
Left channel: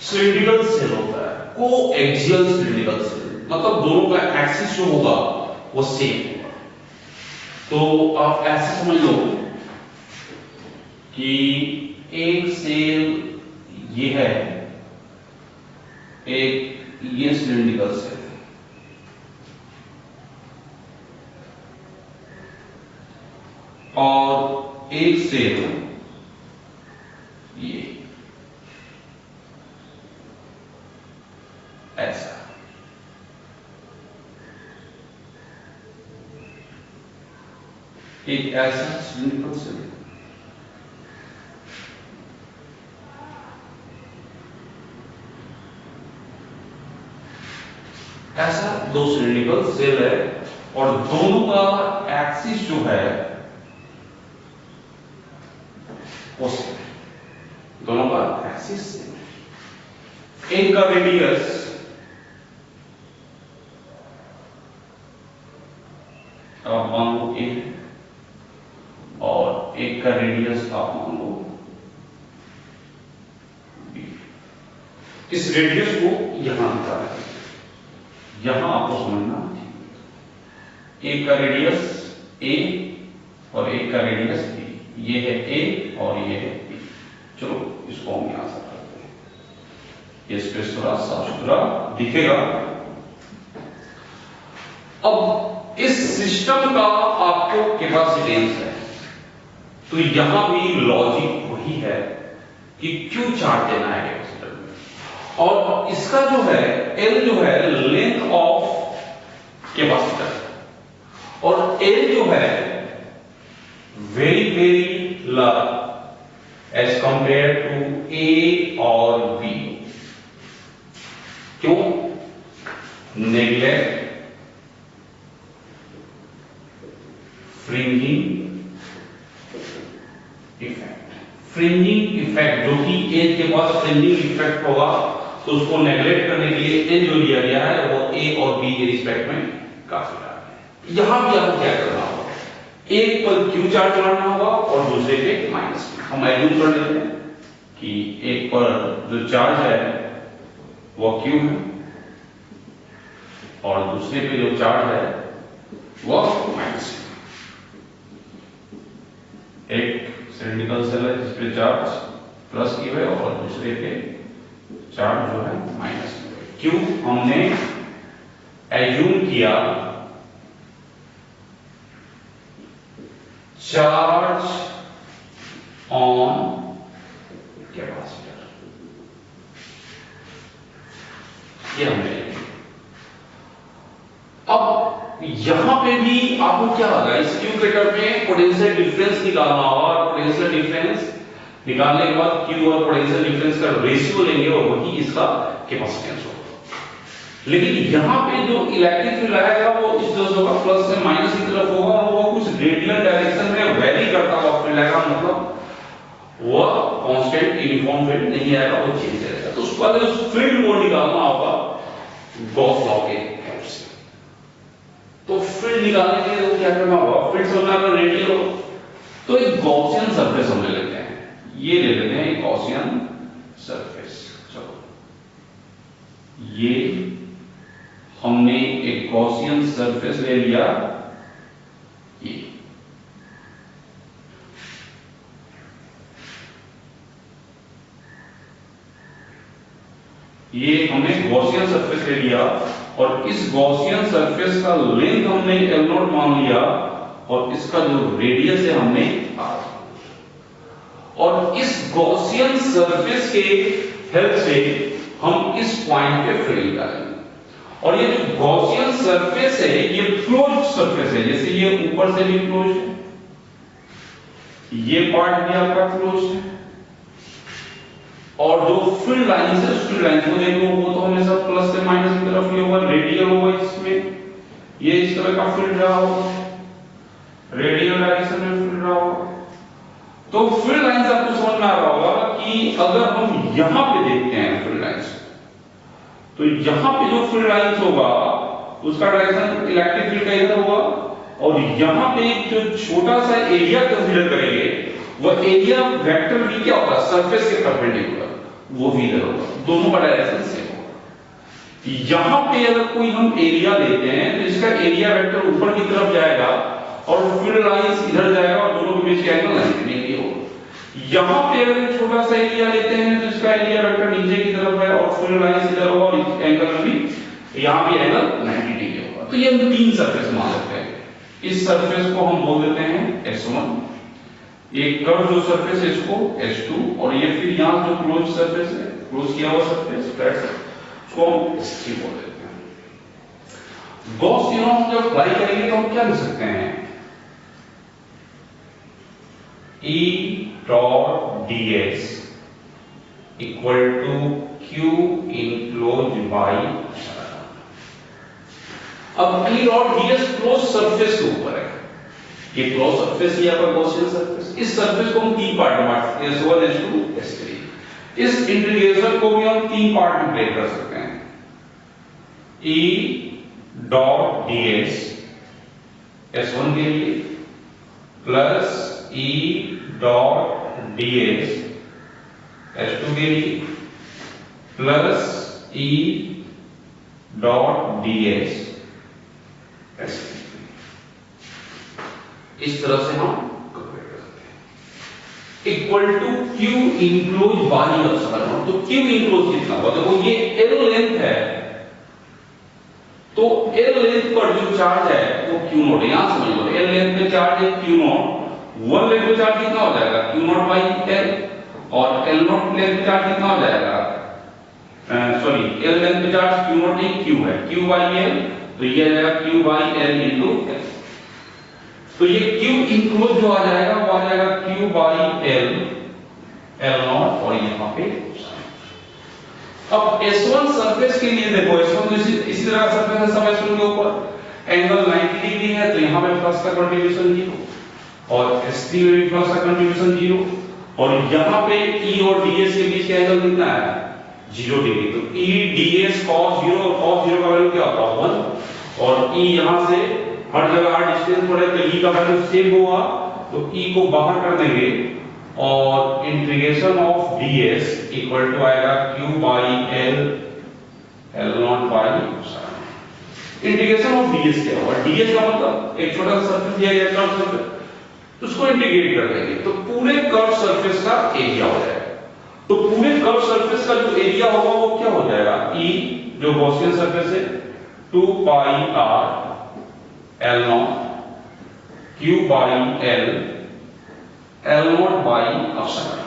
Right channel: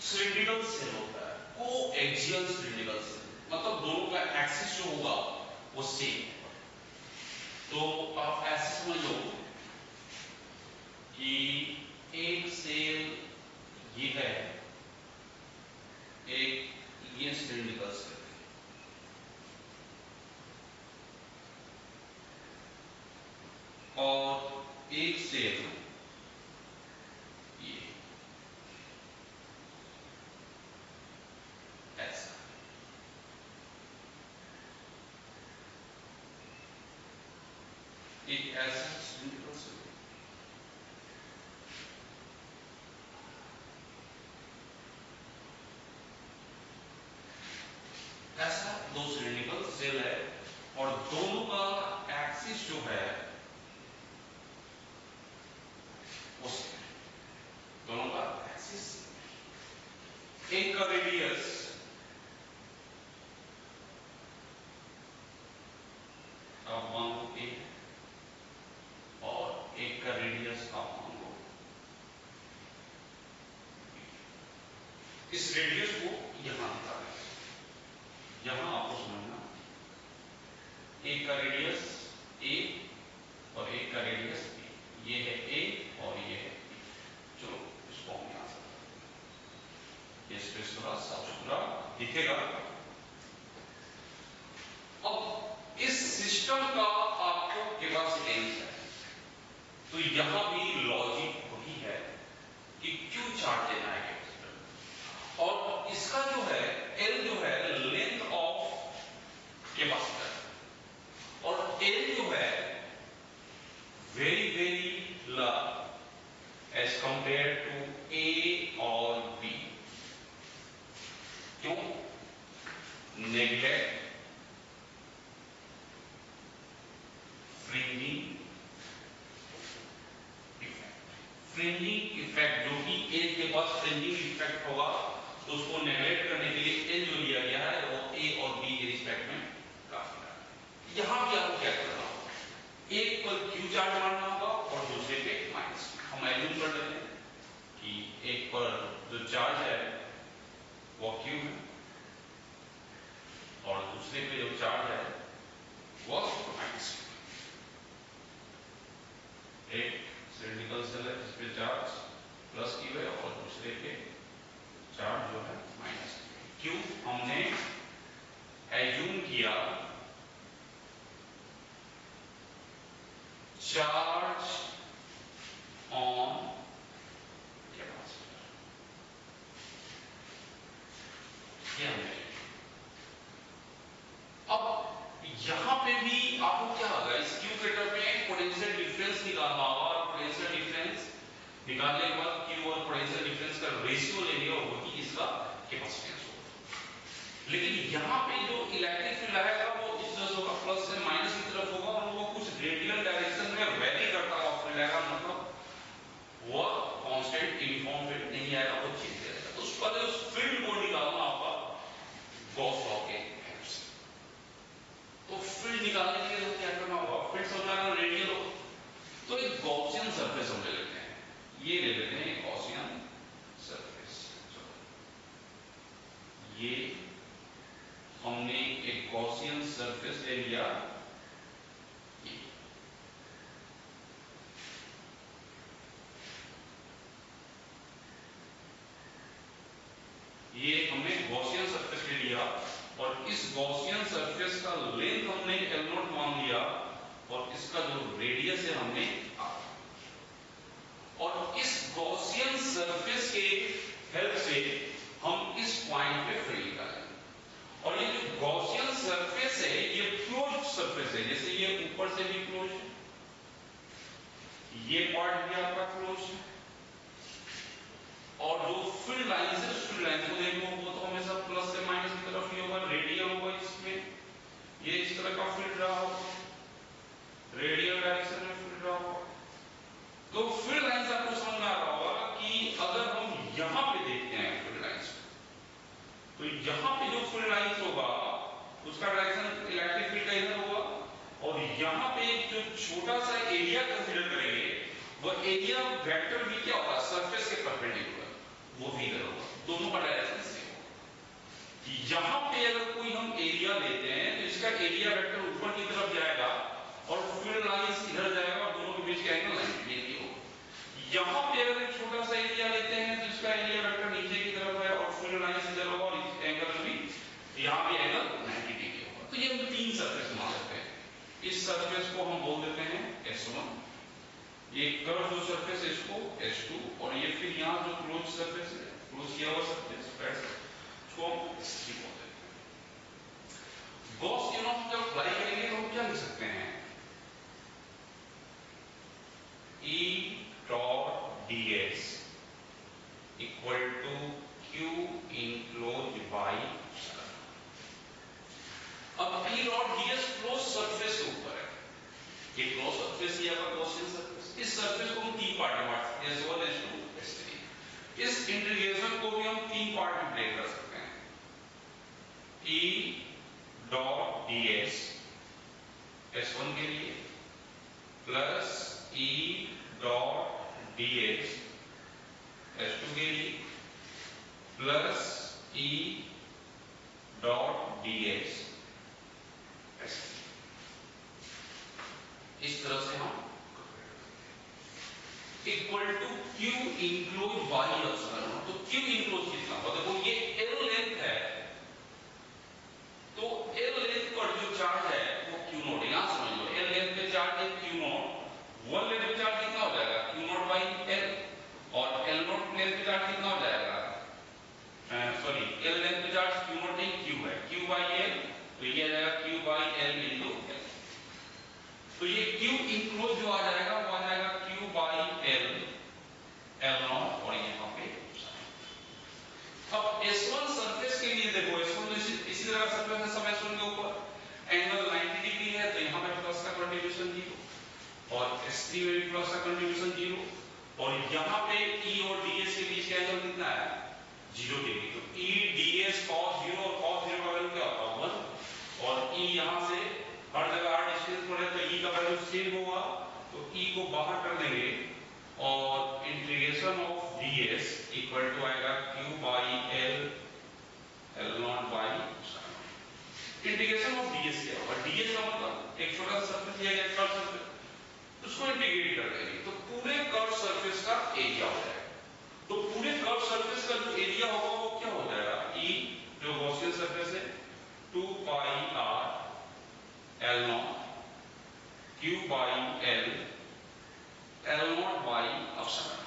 सिलिंड्रिकल सेल होता है, को एक्सियल सिलिंड्रिकल सेल, मतलब दोनों का एक्सिस जो होगा वो सेम होगा। तो आप ऐसे समझ लो कि एक सेल ये है, एक ये सिलिंड्रिकल सेल है, और एक सेल ये ऐसा। एक ऐसा सिलिंड्रिकल सेल, ऐसा दो सिलिंड्रिकल सेल है और दोनों का एक्सिस जो है वो सेम है, दोनों का एक्सिस सेम है। एक का रेडियस आप मान लो ए और एक का रेडियस आप मान लो बी। इस रेडियस को यहां निकालें, यहां आपको समझना, एक का रेडियस ए और एक का रेडियस बी, ये है ए और ये है बी। चलो इसको हम यहां से करते हैं, ये स्पेस थोड़ा साफ सुथरा दिखेगा। अब इस सिस्टम का आपको कैपेसिटेंस है, तो यहां भी लॉजिक वही है कि क्यों चार्ज देना है कैपेसिटर में, और इसका जो है एल जो है लेंथ ऑफ कैपेसिटर, और एल जो है very very large as compare to A और बी। क्यों? Neglect fringing effect. Fringing effect जो कि ए के पास फ्रिंजिंग इफेक्ट होगा तो उसको नेगलेक्ट करने के लिए एल जो लिया गया है वो ए और बी के रिस्पेक्ट में काफी है। यहां भी आपको क्या करना होगा, एक पर क्यू चार्ज मारना होगा और दूसरे पे माइनस। हम एज्यूम कर लेते हैं कि एक पर जो चार्ज है वो क्यू है और दूसरे पे जो चार्ज है वो माइनस है। एक सिलिंड्रिकल सेल है जिस पे चार्ज प्लस क्यू है और दूसरे पे चार्ज जो है माइनस क्यू है। क्यों? हमने एज्यूम किया चार्ज ऑन कैपेसिटर, ये हमने। अब यहां पे भी आपको क्या होगा, इस क्यू कटर में पोटेंशियल डिफरेंस निकालना होगा, और पोटेंशियल डिफरेंस निकालने के बाद क्यू और पोटेंशियल डिफरेंस का रेशियो लेंगे और वही इसका कैपेसिटेंस होगा। लेकिन यहां पे जो इलेक्ट्रिक फील्ड आएगा वो इस तरह होगा, प्लस से माइनस की तरफ होगा, और वो कुछ रेडियल डायरेक्शन में वेरी करता हुआ फील्ड आएगा, मतलब वो कांस्टेंट यूनिफॉर्म फील्ड नहीं आएगा, वो चेंज करेगा। तो उसके बाद उस फील्ड को निकालना होगा गॉस लॉ के हेल्प से। तो फील्ड निकालने के लिए तो क्या करना होगा, फील्ड समझना रेडियल हो, तो एक गॉसियन सरफेस हम ले लेते हैं, ये ले लेते हैं एक गॉसियन सरफेस। चलो ये हमने एक गॉसियन सरफेस ले लिया, ये हमने गॉसियन सरफेस ले लिया और इस गॉसियन सरफेस का लेंथ हमने L0 मान लिया और इसका जो रेडियस है हमने R, और इस गॉसियन सरफेस के हेल्प से हम इस पॉइंट पे फील्ड निकालेंगे। और ये जो गॉसियन सरफेस है ये क्लोज्ड सरफेस है, जैसे ये ऊपर से भी क्लोज्ड है, ये पार्ट भी आपका क्लोज्ड है, और जो फील्ड लाइन है उस फील्ड लाइन को देखो वो तो हमेशा प्लस से माइनस की तरफ ही होगा, रेडियल होगा, इसमें ये इस तरह का फील्ड रहा होगा, रेडियल डायरेक्शन में फील्ड रहा होगा। तो फील्ड लाइन से आपको समझ में आ रहा होगा कि अगर हम यहां पे देखते हैं फील्ड लाइंस, तो यहां पे जो फील्ड लाइंस होगा उसका डायरेक्शन इलेक्ट्रिक फील्ड का इधर होगा, और यहां पे एक जो छोटा सा एरिया कंसीडर करेंगे वह एरिया वेक्टर भी क्या होगा, सरफेस के परपेंडिकुलर, वो भी इधर होगा, दोनों का डायरेक्शन सेम होगा। यहां पे अगर कोई हम एरिया लेते हैं तो इसका एरिया वेक्टर ऊपर की तरफ जाएगा और फील्ड लाइंस इधर जाएगा और दोनों के बीच का एंगल 90 डिग्री होगा। यहां पे अगर छोटा सा एरिया लेते हैं तो इसका एरिया वेक्टर नीचे की तरफ है और फील्ड लाइंस इधर होगा और इस एंगल भी, यहां भी एंगल 90 डिग्री होगा। तो ये हम तीन सरफेस मान लेते हैं। इस सरफेस को हम बोल देते हैं S1, ये कर्व जो सरफेस है इसको S2, और ये फिर यहां जो क्लोज सरफेस है, क्लोज किया हुआ सरफेस फ्लैट उसको हम S3 बोल देते हैं। गॉस थ्योरम जब अप्लाई करेंगे तो हम क्या लिख सकते हैं, E dot ds equal to Q enclose by, अब E dot ds close surface के ऊपर है, ये क्लोज सरफेस ही आपका गॉसियन सरफेस। इस सरफेस को हम तीन पार्ट में बांट सकते हैं, S1 S2 S3। इस इंटीग्रेशन को भी हम तीन पार्ट में ब्रेक कर सकते हैं, E dot ds S1 के लिए plus E dot ds S2 के लिए plus E dot ds S3। इस तरह से हम कैलकुलेट कर सकते हैं, equal to Q enclose by epsilon. तो Q इनक्लोज कितना होगा, देखो ये L लेंथ है, तो L लेंथ पर जो चार्ज है वो Q नॉट है, यहां समझ लो L लेंथ पे चार्ज है Q नॉट, 1 लेंथ पे चार्ज कितना हो जाएगा Q नॉट बाई L, और L नॉट लेंथ पे चार्ज कितना हो जाएगा, सॉरी L लेंथ पे चार्ज Q नॉट नहीं Q है, Q बाई L, तो ये आ जाएगा Q by L into L। तो ये Q इनक्लोज जो आ जाएगा वो आ जाएगा Q by L L not, और यहां पे अब S1 सरफेस के लिए देखो, S1 तो इसी तरह का सरफेस है सब S1 के ऊपर, एंगल 90 डिग्री है तो यहां पे प्लस का कंट्रीब्यूशन 0, और S3 में भी प्लस का कंट्रीब्यूशन 0, और यहां पे E और ds के बीच का एंगल कितना है 0 डिग्री। तो E ds cos 0, और cos 0 का वैल्यू क्या होता है 1, और E यहां से हर जगह हर डिस्टेंस पर है तो E का वैल्यू सेम होगा, तो E को बाहर कर देंगे और integration of ds equal to आएगा Q by L L naught by epsilon. Integration of ds क्या होगा, ds का मतलब एक छोटा सा सरफेस दिया गया कर्व सरफेस, उसको इंटीग्रेट कर देंगे तो पूरे कर्व सरफेस का एरिया हो जाएगा। तो पूरे कर्व सरफेस का जो एरिया होगा वो क्या हो जाएगा, E जो गॉसियन सरफेस है 2 पाई r L not Q by L L naught by epsilon.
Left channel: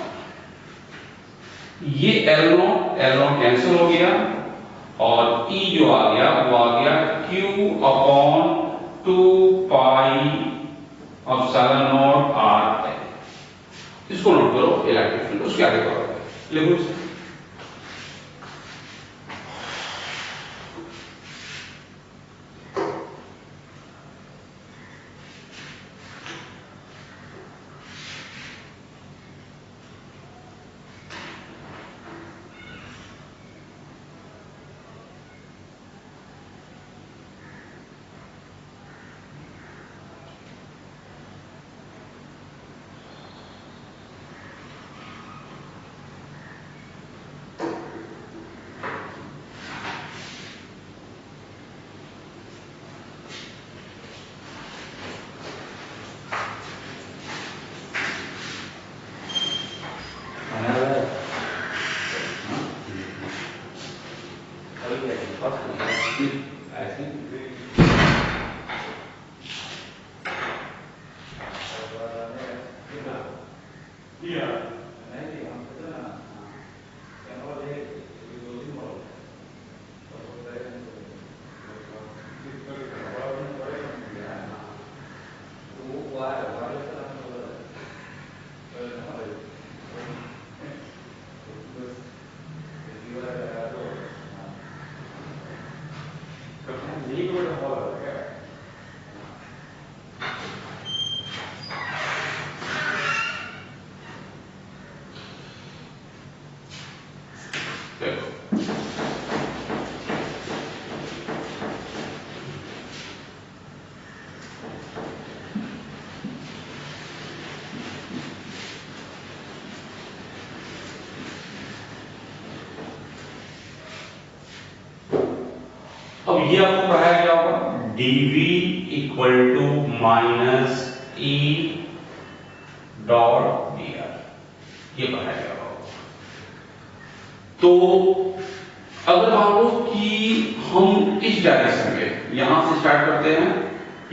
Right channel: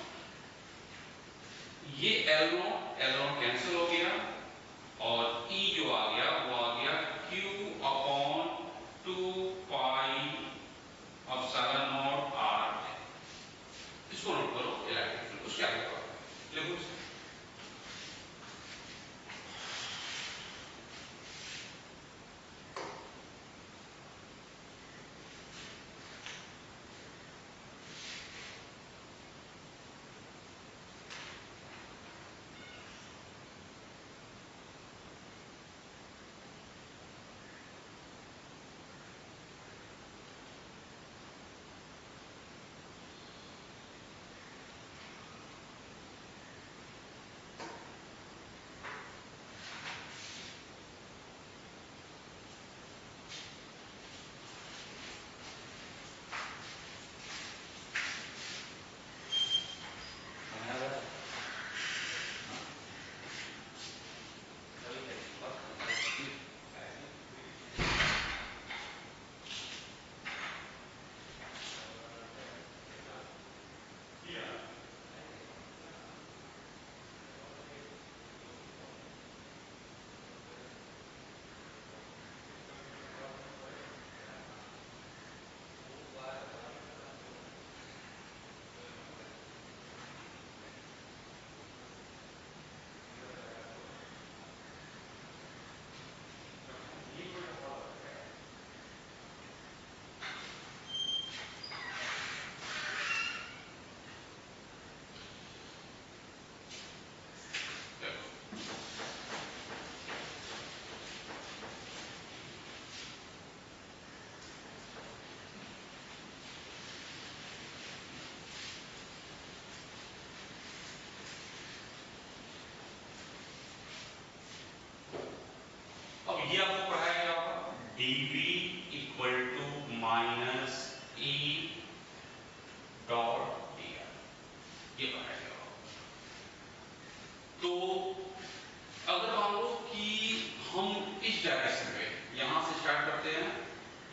ये L नॉट कैंसिल हो गया और E जो आ गया वो आ गया Q upon 2 pi epsilon not r। इसको नोट करो, इलेक्ट्रिक फील्ड उसके आगे करो, लिखो इसे। अब ये आपको पढ़ाया गया होगा dv equal to minus E dot dr, ये पढ़ाया गया होगा। तो अगर मान लो कि हम इस डायरेक्शन में यहां से स्टार्ट करते हैं,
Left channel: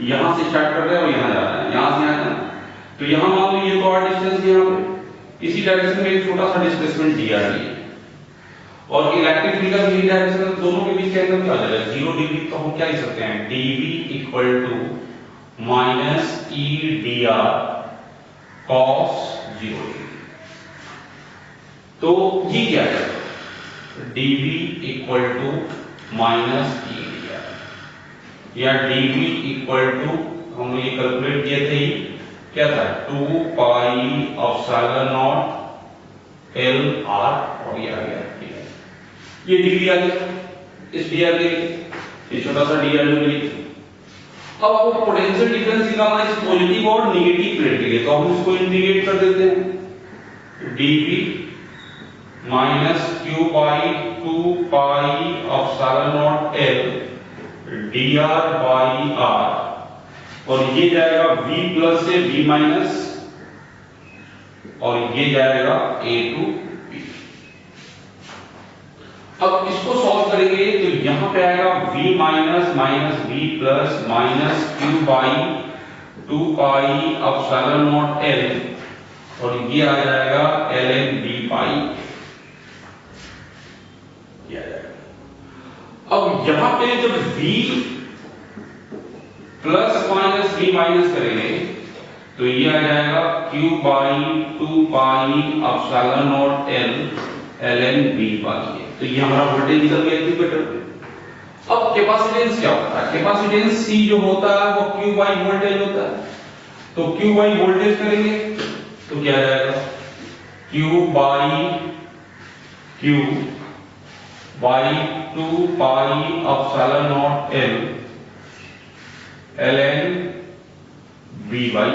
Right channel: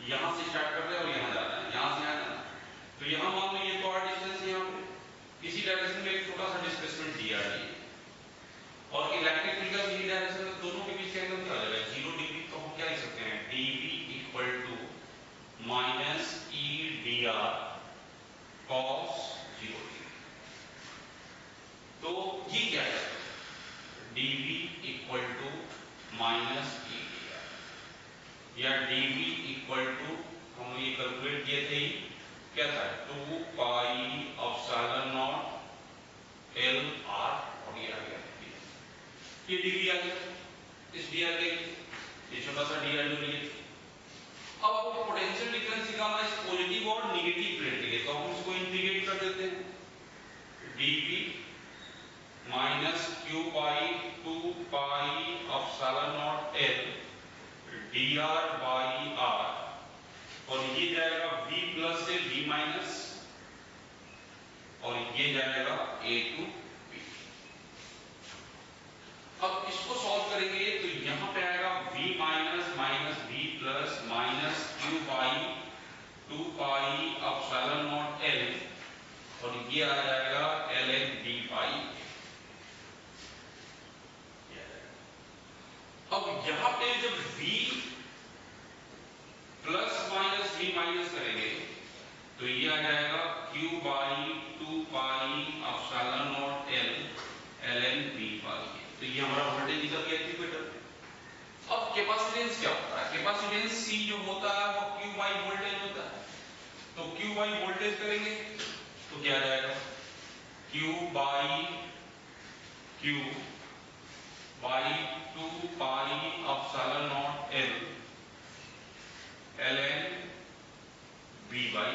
यहां से स्टार्ट कर रहे हैं और यहां जा रहे हैं, यहां से यहां जाना, तो यहां मान लो ये तो r डिस्टेंस यहां पे इसी डायरेक्शन में एक छोटा सा डिस्प्लेसमेंट dr है और इलेक्ट्रिक फील्ड का भी डायरेक्शन है, दोनों के बीच का एंगल क्या हो जाएगा 0 डिग्री। तो हम क्या लिख सकते हैं dv equal to minus E dr cos 0 degree. तो ये क्या है dv equal to minus E dr या dv इक्वल टू हम ये कैलकुलेट किए थे क्या था 2 pi epsilon naught l r और ये आ गया ये डिग्री आ गया इस dr के लिए, ये छोटा सा dr जो मिली। अब आपको पोटेंशियल डिफरेंस निकालना है इस पॉजिटिव और नेगेटिव प्लेट के लिए, तो हम इसको इंटीग्रेट कर देते हैं dv minus q by 2 pi epsilon naught l dr by r और ये जाएगा v प्लस से v माइनस और ये जाएगा a टू b। अब इसको सॉल्व करेंगे तो यहां पे आएगा v minus minus v plus minus q by 2 pi epsilon naught l और ये आ जाएगा ln b पाई। अब यहां पे जब v plus minus v minus करेंगे तो ये आ जाएगा q by 2 pi epsilon naught l ln b पाई। तो ये हमारा वोल्टेज निकल गया इक्वेटर पे। अब कैपेसिटेंस क्या होता है, कैपेसिटेंस C जो होता है वो q बाई वोल्टेज होता है, तो q बाई वोल्टेज करेंगे तो क्या आ जाएगा q by 2 pi epsilon naught l ln b by